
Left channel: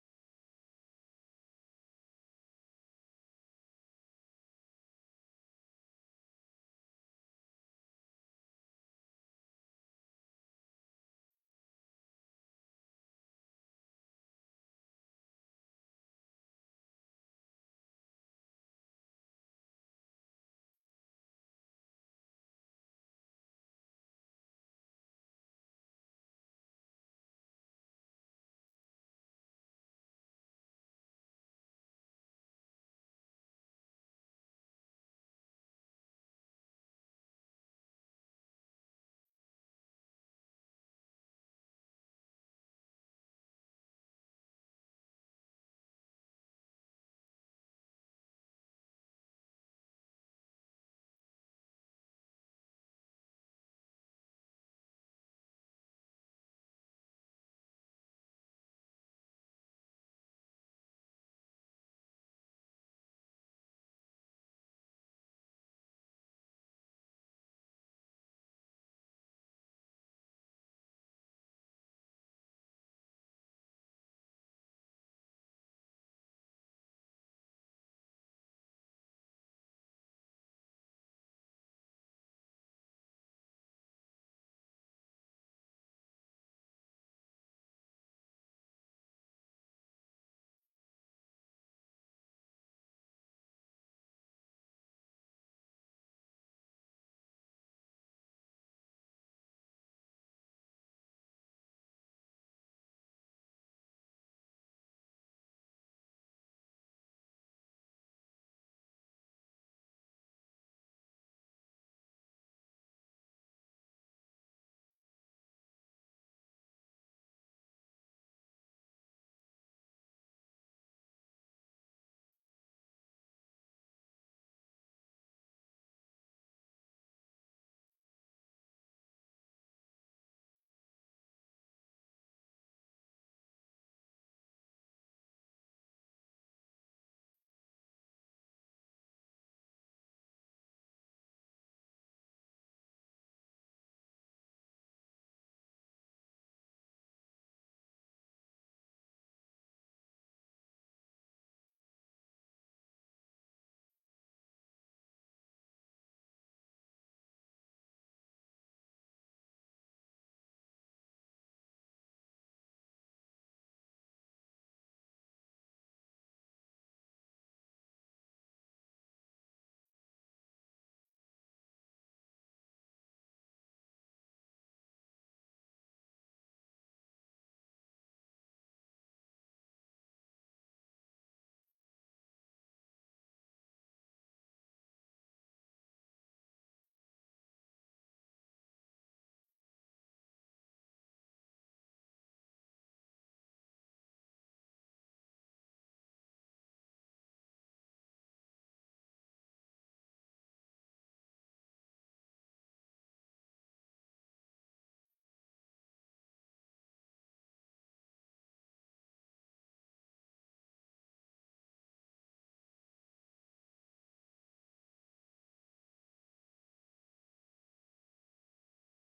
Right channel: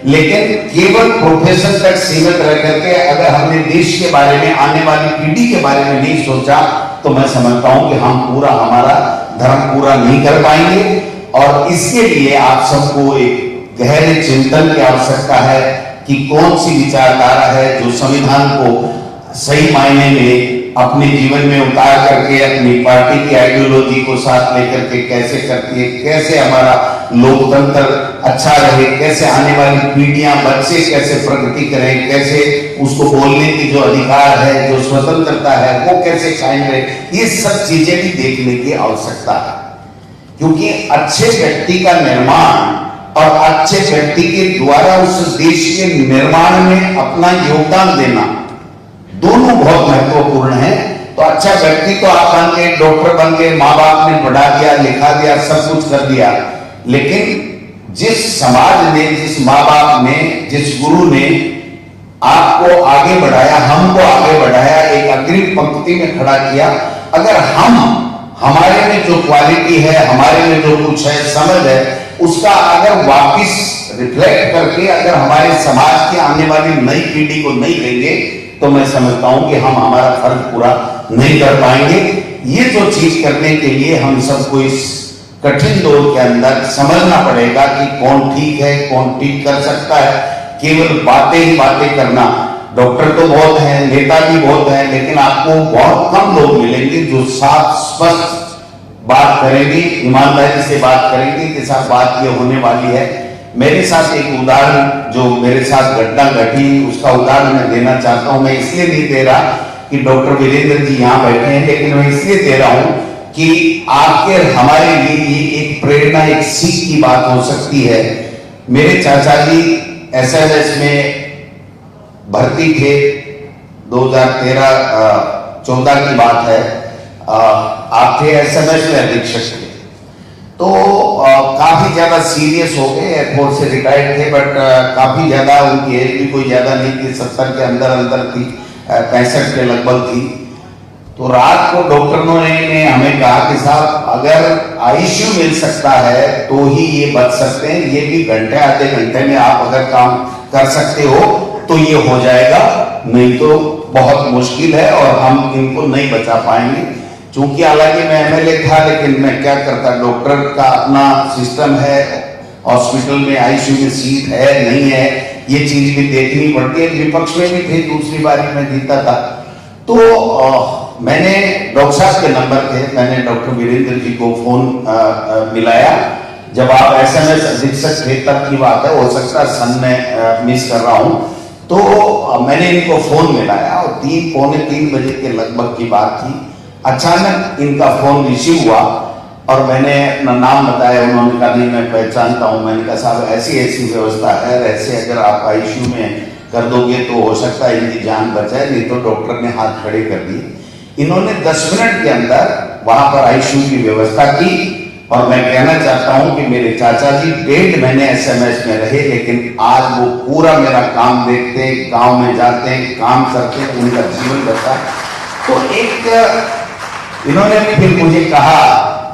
लेकिन केवल प्रोफेशन तक सीमित रह करके अगर हमने देश के बारे में, आने वाली पीढ़ी के बारे में नहीं सोचा, तो मैं समझता हूं कि हम हमारा धर्म पूरा नहीं कर पाएंगे। और इसके लिए आप सबको एक गहरे चिंतन की आवश्यकता है कि कौन सी विचारधारा है जो संविधान को सही मायने में अपने जीवन में उतार करके अपनी पार्टी की आइडियोलॉजी को साथ लेकर के कैसे करती है, कैसे हमारा लोकतंत्र अच्छा रहे, कैसे आने वाली पीढ़ियां, बच्चे कैसे प्रगति करें, कैसे उसको बोलने की जो अधिकार है, जो स्वतंत्रता है, वो कैसे कायम रहे। ये सब चीजें भी देखने की आवश्यकता है, क्योंकि अच्छे व्यक्ति का निर्माण और अच्छे व्यक्ति के द्वारा उस देश के निर्माण में अपना योगदान देना, दोनों बहुत महत्वपूर्ण है। तो अच्छा व्यक्ति तो आप बन गए, डॉक्टर बन गए, माँ बाप ने पढ़ा दिया, लिखा दिया, सब कुछ कर दिया, लेकिन जिस समाज ने, जिस माँ बाप ने, जिस गुरु ने आपको आगे बढ़ाया, हमको आगे बढ़ाया, एक अग्रिम पंक्ति में खड़ा किया, अगर हमारे में जो क्वालिटी है, हमारे में जो कुछ है, समझ है, उसका अगर वापिस रिफ्लेक्ट करके अगर हमारे समाज की आने वाली नई पीढ़ी को नहीं देंगे तो मैं समझता हूं कि हम हमारा फर्ज पूरा नहीं कर पाएंगे। ये जो चीज करने के लिए हम सबको इस कठिन दौर के अंदर समझना पड़ेगा कि कौन ठीक है, कौन ठीक कर सकता है। केवल बातें ही बातें करना, डॉक्टर तो बहुत हैं, नेता भी बहुत हैं, लेकिन आपको बहुत कम लोग मिलेंगे जो साफ स्पष्ट बात करेंगे, ईमानदारी से बात करेंगे कि साहब बात ये होने वाली है। मेरे साथ एक उदाहरण, जो मेरे साथ घटना घटी, उसका उदाहरण मैं देना चाहता हूं। मैं इसलिए नहीं दे रहा कि डॉक्टर वीरेंद्र जी यहाँ बैठे हैं, लेकिन मैं इसलिए दे रहा हूं कि आपके हमारे लिए एक प्रेरणा, एक सीख की बात हो सकती है। मेरे चाचा जी एसएमएस में भर्ती थे, 2013-14 की बात है। आप थे एसएमएस में अधीक्षक थे, तो काफी ज्यादा सीरियस हो गए। एयरफोर्स से रिटायर्ड थे, बट काफी ज्यादा, उनकी एज भी कोई ज्यादा नहीं थी, 70 के अंदर थी, 65 के लगभग थी। तो रात को डॉक्टरों ने हमें कहा कि साहब अगर आईसीयू मिल सकता है तो ही ये बच सकते हैं, ये भी घंटे आधे घंटे में आप अगर काम कर सकते हो तो ये हो जाएगा, नहीं तो बहुत मुश्किल है और हम इनको नहीं बचा पाएंगे। चूंकि हालांकि मैं एमएलए था, लेकिन मैं क्या करता, डॉक्टर का अपना सिस्टम है, हॉस्पिटल में आईसीयू में सीट है नहीं है, ये चीज भी देखनी पड़ती है। विपक्ष में भी थे, दूसरी बारी में जीता था, तो मैंने डॉक्टर साहब के नंबर थे, मैंने डॉक्टर वीरेंद्र जी को फोन मिलाया। जब आप एसएमएस अधीक्षक थे तब की बात है, हो सकता है सन में मिस कर रहा हूं। तो मैंने इनको फोन मिलाया और 3-3 बजे के लगभग की बात थी। अचानक इनका फोन रिसीव हुआ और मैंने अपना नाम बताया। उन्होंने कहा नहीं मैं पहचानता हूं। मैंने कहा साहब ऐसी ऐसी व्यवस्था है, ऐसे अगर आप आईसीयू में कर दोगे तो हो सकता है इनकी जान बचाए, नहीं तो डॉक्टर ने हाथ खड़े कर दिए। इन्होंने 10 मिनट के अंदर वहां पर आईसीयू की व्यवस्था की और मैं कहना चाहता हूं कि मेरे चाचा जी 1.5 महीने एसएमएस में रहे, लेकिन आज वो पूरा मेरा काम देखते, गांव में जाते, काम करते, उनका जीवन बचा। तो एक इन्होंने फिर मुझे कहा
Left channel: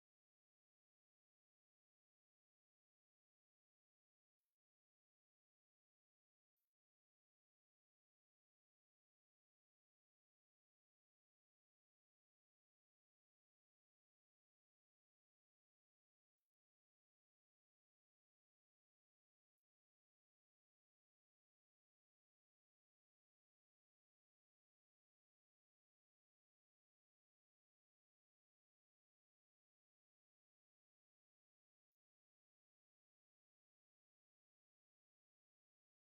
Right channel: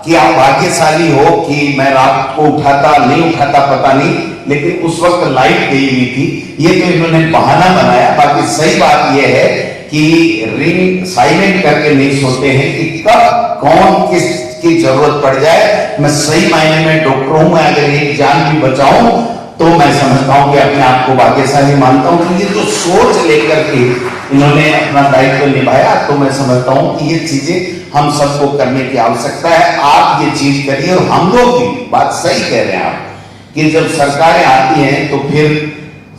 कि आप भाग्यशाली हो कि मैं रात को उठाता नहीं उठाता पता नहीं, लेकिन उस वक्त लाइट गई हुई थी। ये तो इन्होंने बहाना बनाया। बाकी सही बात यह है कि रिंग साइलेंट करके नहीं सोते हैं कि कब कौन किसकी जरूरत पड़ जाए। मैं सही मायने में डॉक्टर हूं, मैं अगर एक जान भी बचाऊं तो मैं समझता हूं कि अपने आप को भाग्यशाली मानता हूं। क्योंकि जो सोच लेकर के इन्होंने अपना दायित्व निभाया, तो मैं समझता हूं कि ये चीजें हम सबको करने की आवश्यकता है। आप ये चीज करिए और हम लोग भी बात सही कह रहे हैं आप कि जब सरकारें आती हैं तो फिर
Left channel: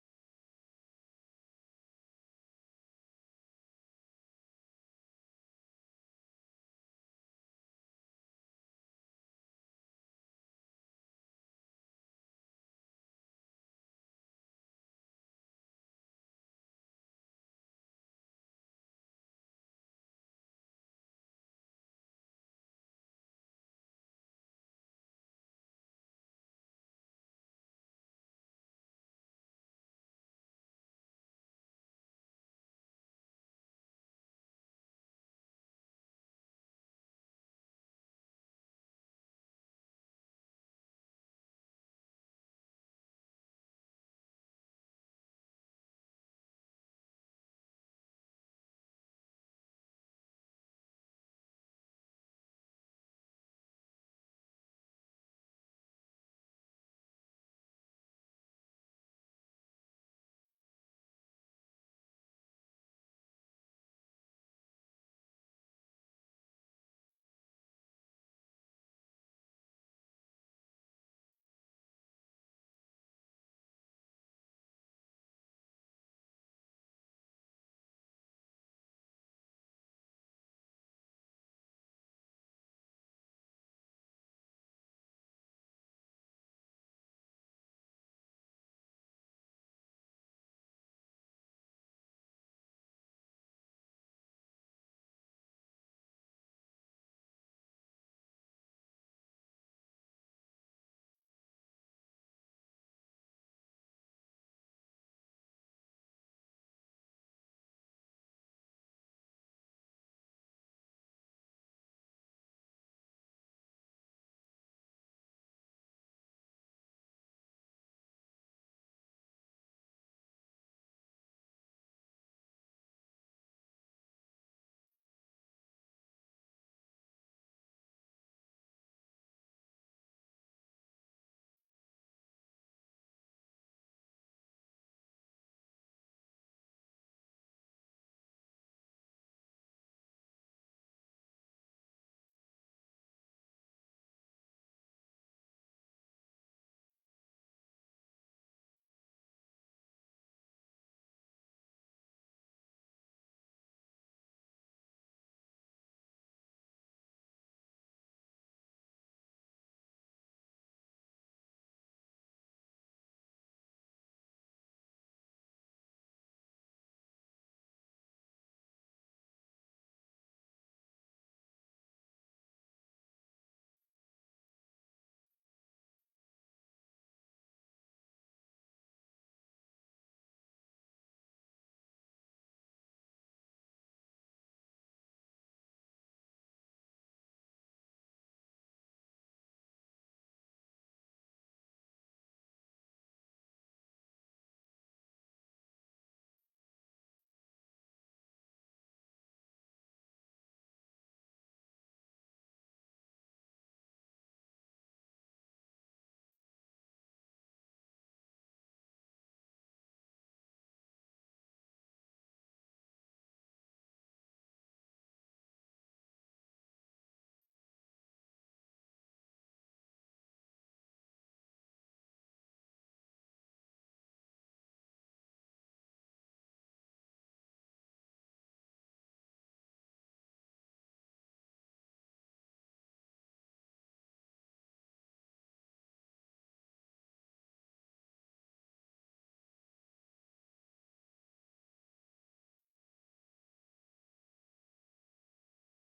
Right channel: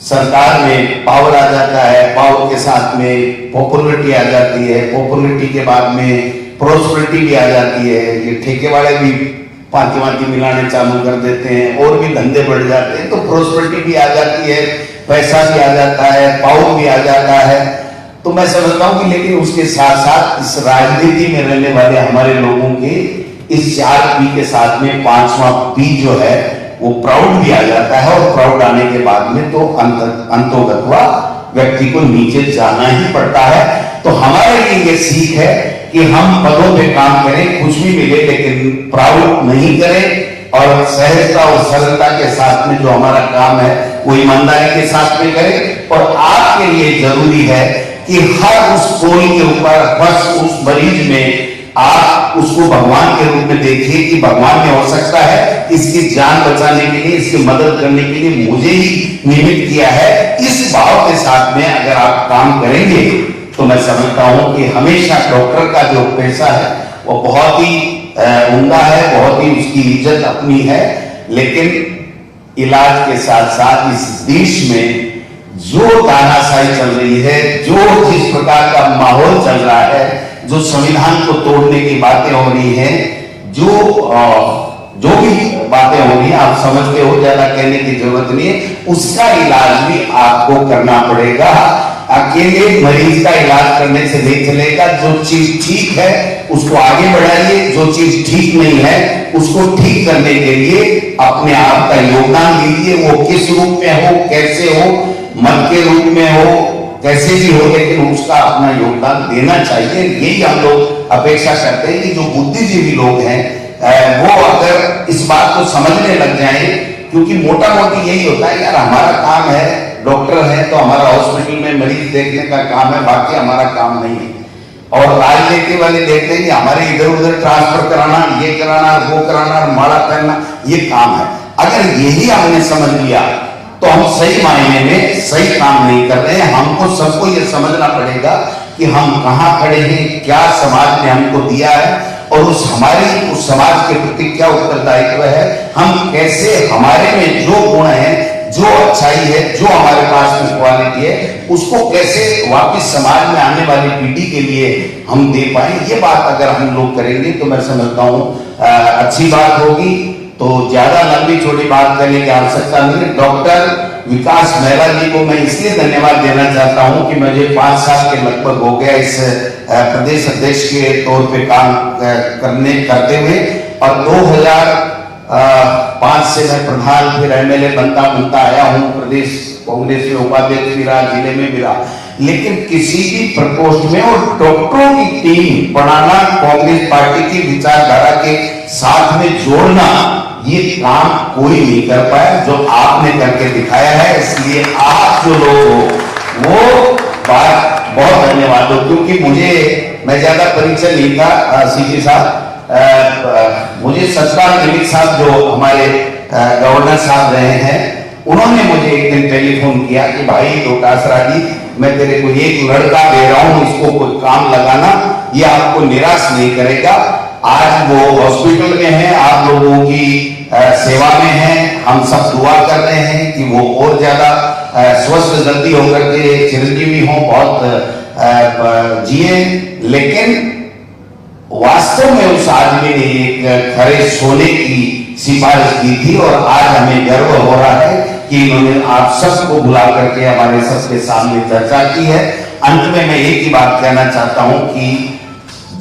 सरकार में पावर आ जाता है, पावर के साथ में पॉपुलरिटी आ जाती है, पॉपुलरिटी के बाद में प्रोस्पेरिटी भी आ जाती है। ये ठेके वाले भी पांति मिलाने चालू कर देते हैं और भी धंधे बढ़ जाते हैं, तो प्रोस्पेरिटी भी आ जाती है, पैसा भी आ जाता है, पावर भी आ जाता है। तो मैं समझता हूं कि लेकिन उसके साथ साथ इस राजनीति में रहने वाले हमारे लोगों के इस 4 पी के साथ में 5वां पी जो है वो प्राउड भी आ जाता है, और प्राउड आने के बाद में तो अंतोगत्वा व्यक्ति को नीचे जाना ही पड़ता है। तो हमारे लिए ये सीख है कि हम पदों पे काम करें, कुछ भी मिले, लेकिन प्राउड नहीं करें और सहजता और सरलता के साथ में जो हमारा काम है वो ईमानदारी के साथ में करें। और आपके लिए जरूरी है कि हर उस कोई के ऊपर, बस उस मरीज में आप उसको भगवान के रूप में देखिए कि भगवान ने हो सकता है इसकी जान बचाने के लिए, इसकी मदद करने के लिए मुझे ही निमित्त किया है। इस भाव के साथ में अगर आप काम करेंगे तो मैं समझता हूं कि हमेशा डॉक्टर का जो पेशा है वो बहुत ही उम्दा है, बहुत ही उसकी इज्जत अपनी है। लेकिन इलाज के साथ साथ इस देश में जो तानाशाही चल रही है, जो जिस प्रकार का माहौल चल रहा है, जो संविधान को तोड़ने की बातें हो रही हैं, जो भी बातें हो रही हैं, आप समझते हो, ज्यादा कहने की जरूरत नहीं है। उसका इलाज भी आपको करना पड़ेगा। अकेले मरीज का इलाज करने से नहीं चलेगा। जो चीज ठीक है उसको आगे बढ़ाइए, जो चीज ठीक नहीं है उसको ठीक करने के लिए अपने आप का योगदान दीजिए। वो किस रूप में हो, कैसे हो, मत के रूप में हो, कैसे भी हो, लेकिन उसका अपना योगदान देना चाहिए। यही हम लोग अपेक्षा करते हैं कि जो बुद्धिजीवी लोग हैं वो अगर इस बात को समझने लग जाएं क्योंकि मोटा मोटी यही होता है यार, हमारा काम है, डॉक्टर है तो हमारा हॉस्पिटल में मरीज देखने का काम है, बाकी हमारा काम नहीं है। और राजनीति वाले देखते हैं कि हमारे इधर उधर ट्रांसफर कराना, ये कराना, वो कराना, माड़ा करना, ये काम है। अगर यही हमने समझ लिया तो हम सही मायने में सही काम नहीं कर रहे हैं। हमको सबको ये समझना पड़ेगा कि हम कहाँ खड़े हैं, क्या समाज ने हमको दिया है और उस समाज के प्रति क्या उत्तरदायित्व है। हम कैसे हमारे में जो गुण है, जो अच्छाई है, जो हमारे पास में क्वालिटी है, उसको कैसे वापस समाज में आने वाली पीढ़ी के लिए हम दे पाए। ये बात अगर हम लोग करेंगे तो मैं समझता हूँ अच्छी बात होगी। तो ज्यादा लंबी छोटी बात करने की आवश्यकता नहीं है। डॉक्टर विकास मेहरा जी को मैं इसलिए धन्यवाद देना चाहता हूं कि मुझे 5 साल के लगभग हो गया इस प्रदेश अध्यक्ष के तौर पे काम करते हुए, और 2005 से मैं प्रधान फिर एमएलए बनता आया हूं। प्रदेश कांग्रेस में उपाध्यक्ष भी रहा, जिले में भी रहा, लेकिन किसी भी प्रकोष्ठ में और डॉक्टरों की टीम बनाना, कांग्रेस पार्टी की विचारधारा के साथ में जोड़ना, ये काम कोई नहीं कर पाया जो आपने करके दिखाया है। इसलिए आप जो लोग हो वो बात बहुत धन्यवाद हो, क्योंकि मैं ज्यादा परिचय नहीं था सीपी साहब, मुझे सतपाल मलिक साहब जो हमारे गवर्नर साहब रहे हैं, उन्होंने मुझे एक दिन टेलीफोन किया कि भाई डोटासरा जी, मैं तेरे को एक लड़का दे रहा हूं, इसको कोई काम लगाना, ये आपको निराश नहीं करेगा। आज वो हॉस्पिटल में है, आप लोगों की सेवा में है, हम सब दुआ कर रहे हैं कि वो और ज्यादा स्वस्थ जल्दी होकर के चिरंजीवी हो, बहुत जिए। लेकिन वास्तव में उस आदमी ने एक खरे सोने की सिफारिश की थी, और आज हमें गर्व हो रहा है कि इन्होंने आप सबको बुला करके हमारे सबके सामने चर्चा की है। अंत में मैं एक ही बात कहना चाहता हूं कि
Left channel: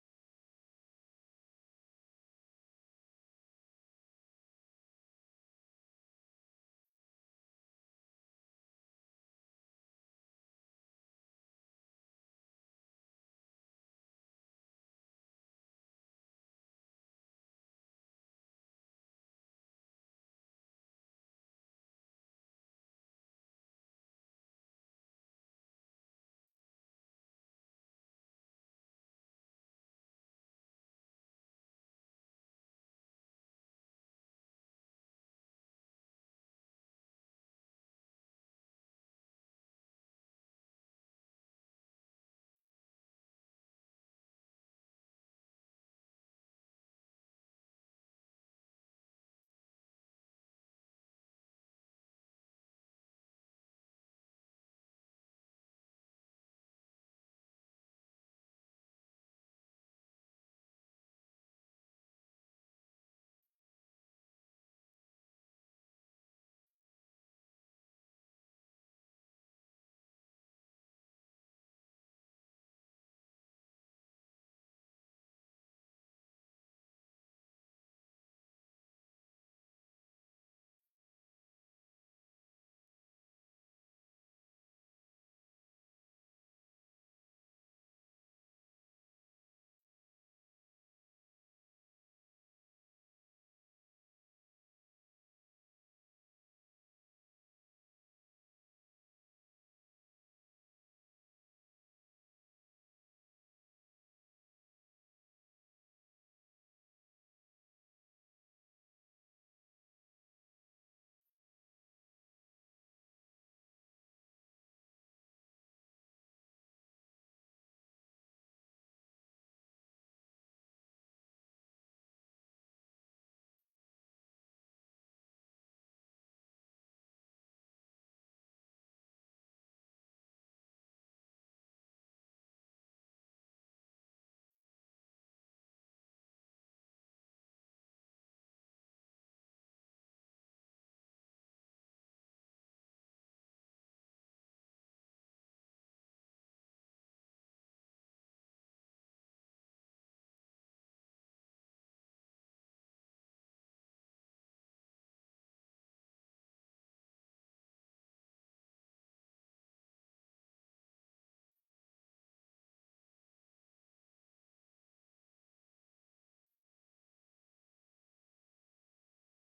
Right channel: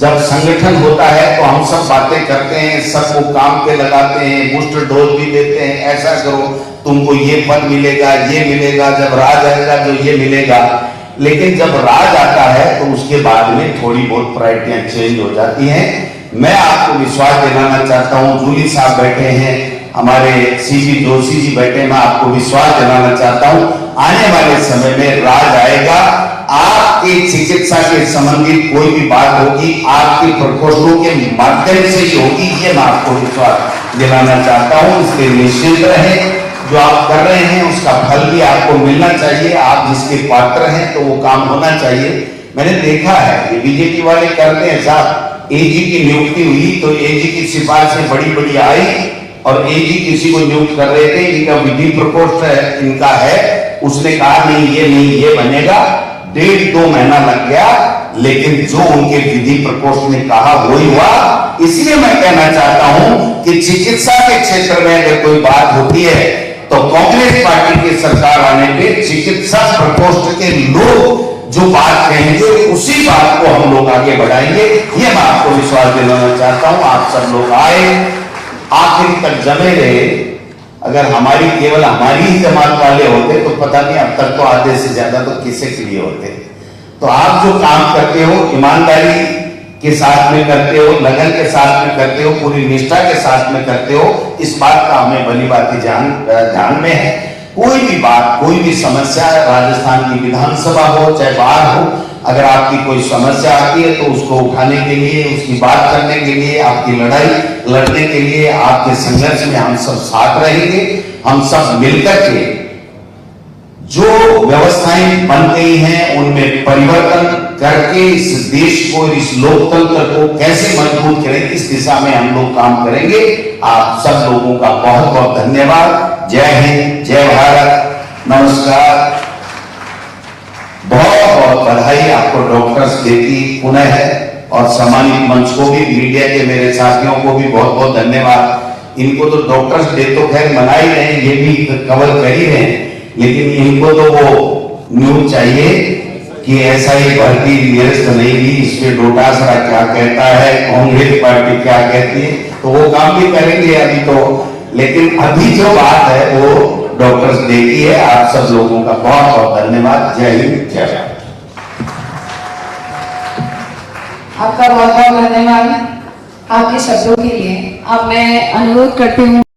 जब संगठन होता है तो हम सब बातें करते हैं, सबको काम पे लगाते हैं, बूस्टर डोज भी देते हैं, ऐसा करो तुमको ये पद मिलेगा, ये मिलेगा, जब राज आएगा तो ये मिलेगा। लेकिन जब राज आता है तो उसके बाद में थोड़ी बहुत प्रायोरिटियां चेंज हो जाती हैं। मैं आपको विश्वास दिलाना चाहता हूं, जूली साहब बैठे हैं, हमारे सीपी जोशी जी बैठे, मैं आपको विश्वास दिलाना चाहता हूं आने वाले समय में राज आएगा। आपकी चिकित्सा के संबंधित कोई भी बात होगी, आपके प्रकोष्ठों के माध्यम से ही होगी, ये मैं आपको विश्वास दिलाना चाहता हूं। इसलिए निश्चित रहे, जो आप कर रहे हैं उसका फल भी आपको मिलना चाहिए। आप जिसके पात्र हैं तो वो काम होना चाहिए। मैंने देखा है कि बीजेपी वाले करते हैं साहब, एजी की नियुक्ति हुई तो एजी की सिफारिशें बड़ी बड़ी आई, और एजी किसी को नियुक्त कर रहे थे, इनका विधि प्रकोष्ठ इनका है, उसने कहा नहीं ये बनेगा। 1.5-2 महीना लग गया, लेकिन जो उनके विधि प्रकोष्ठ ने कहा वही हुआ। इसलिए मैं कहना चाहता हूं कि चिकित्सा के क्षेत्र में अगर कोई बात होती है तो कांग्रेस पार्टी की सरकार आने पे चिकित्सा प्रकोष्ठ के लोग जो बात कहेंगे उसी बात को हम लोग आगे बढ़ाएंगे, ये मैं आपको विश्वास दिलाना चाहता हूं। आप सब लोग आए, आखिर तक जमे रहे। अगर केवल हमारी ही जमात वाले होते तो पता नहीं, अब तक तो आधे से ज्यादा तो किसे के लिए होते। तो आप जो काम करते हो ईमानदारी के साथ में करते हो, लगन के साथ में करते हो, पूरी निष्ठा के साथ में करते हो, इस बात का हमें भली बात ध्यान में है। कोई भी बात, कोई भी समस्या, राजस्थान की विधानसभा हो चाहे बाहर हो, अगर आपकी कोई समस्या आती है तो उसको उठाने के लिए, उसकी बात करने के लिए, आपकी लड़ाई लड़ने के लिए, आपके संघर्ष में हम सब साथ रहेंगे। हम सब मिलकर के जो व्यवस्थाएं बन गई हैं उनमें परिवर्तन करके इस देश को, इस लोकतंत्र को कैसे मजबूत करें, इस दिशा में हम लोग काम करेंगे। आप सब लोगों का बहुत बहुत धन्यवाद। जय हिंद, जय भारत, नमस्कार। बहुत बहुत बधाई आपको डॉक्टर्स डे की पुनः है, और सम्मानित मंच को भी, मीडिया के मेरे साथियों को भी बहुत बहुत धन्यवाद। इनको तो डॉक्टर्स डे तो खैर मना ही रहे हैं, ये भी कवर कर ही रहे हैं, लेकिन इनको तो वो न्यूज चाहिए कि ऐसा ही भर्ती निरस्त नहीं हुई, इसमें डोटासरा क्या कहता है, कांग्रेस पार्टी क्या कहती है, तो वो काम भी करेंगे अभी तो। लेकिन अभी जो बात है वो डॉक्टर्स डे की है। आप सब लोगों का बहुत बहुत धन्यवाद। जय हिंद, जय भारत। आपका बहुत बहुत धन्यवाद आपके शब्दों के लिए। अब मैं अनुरोध करती हूँ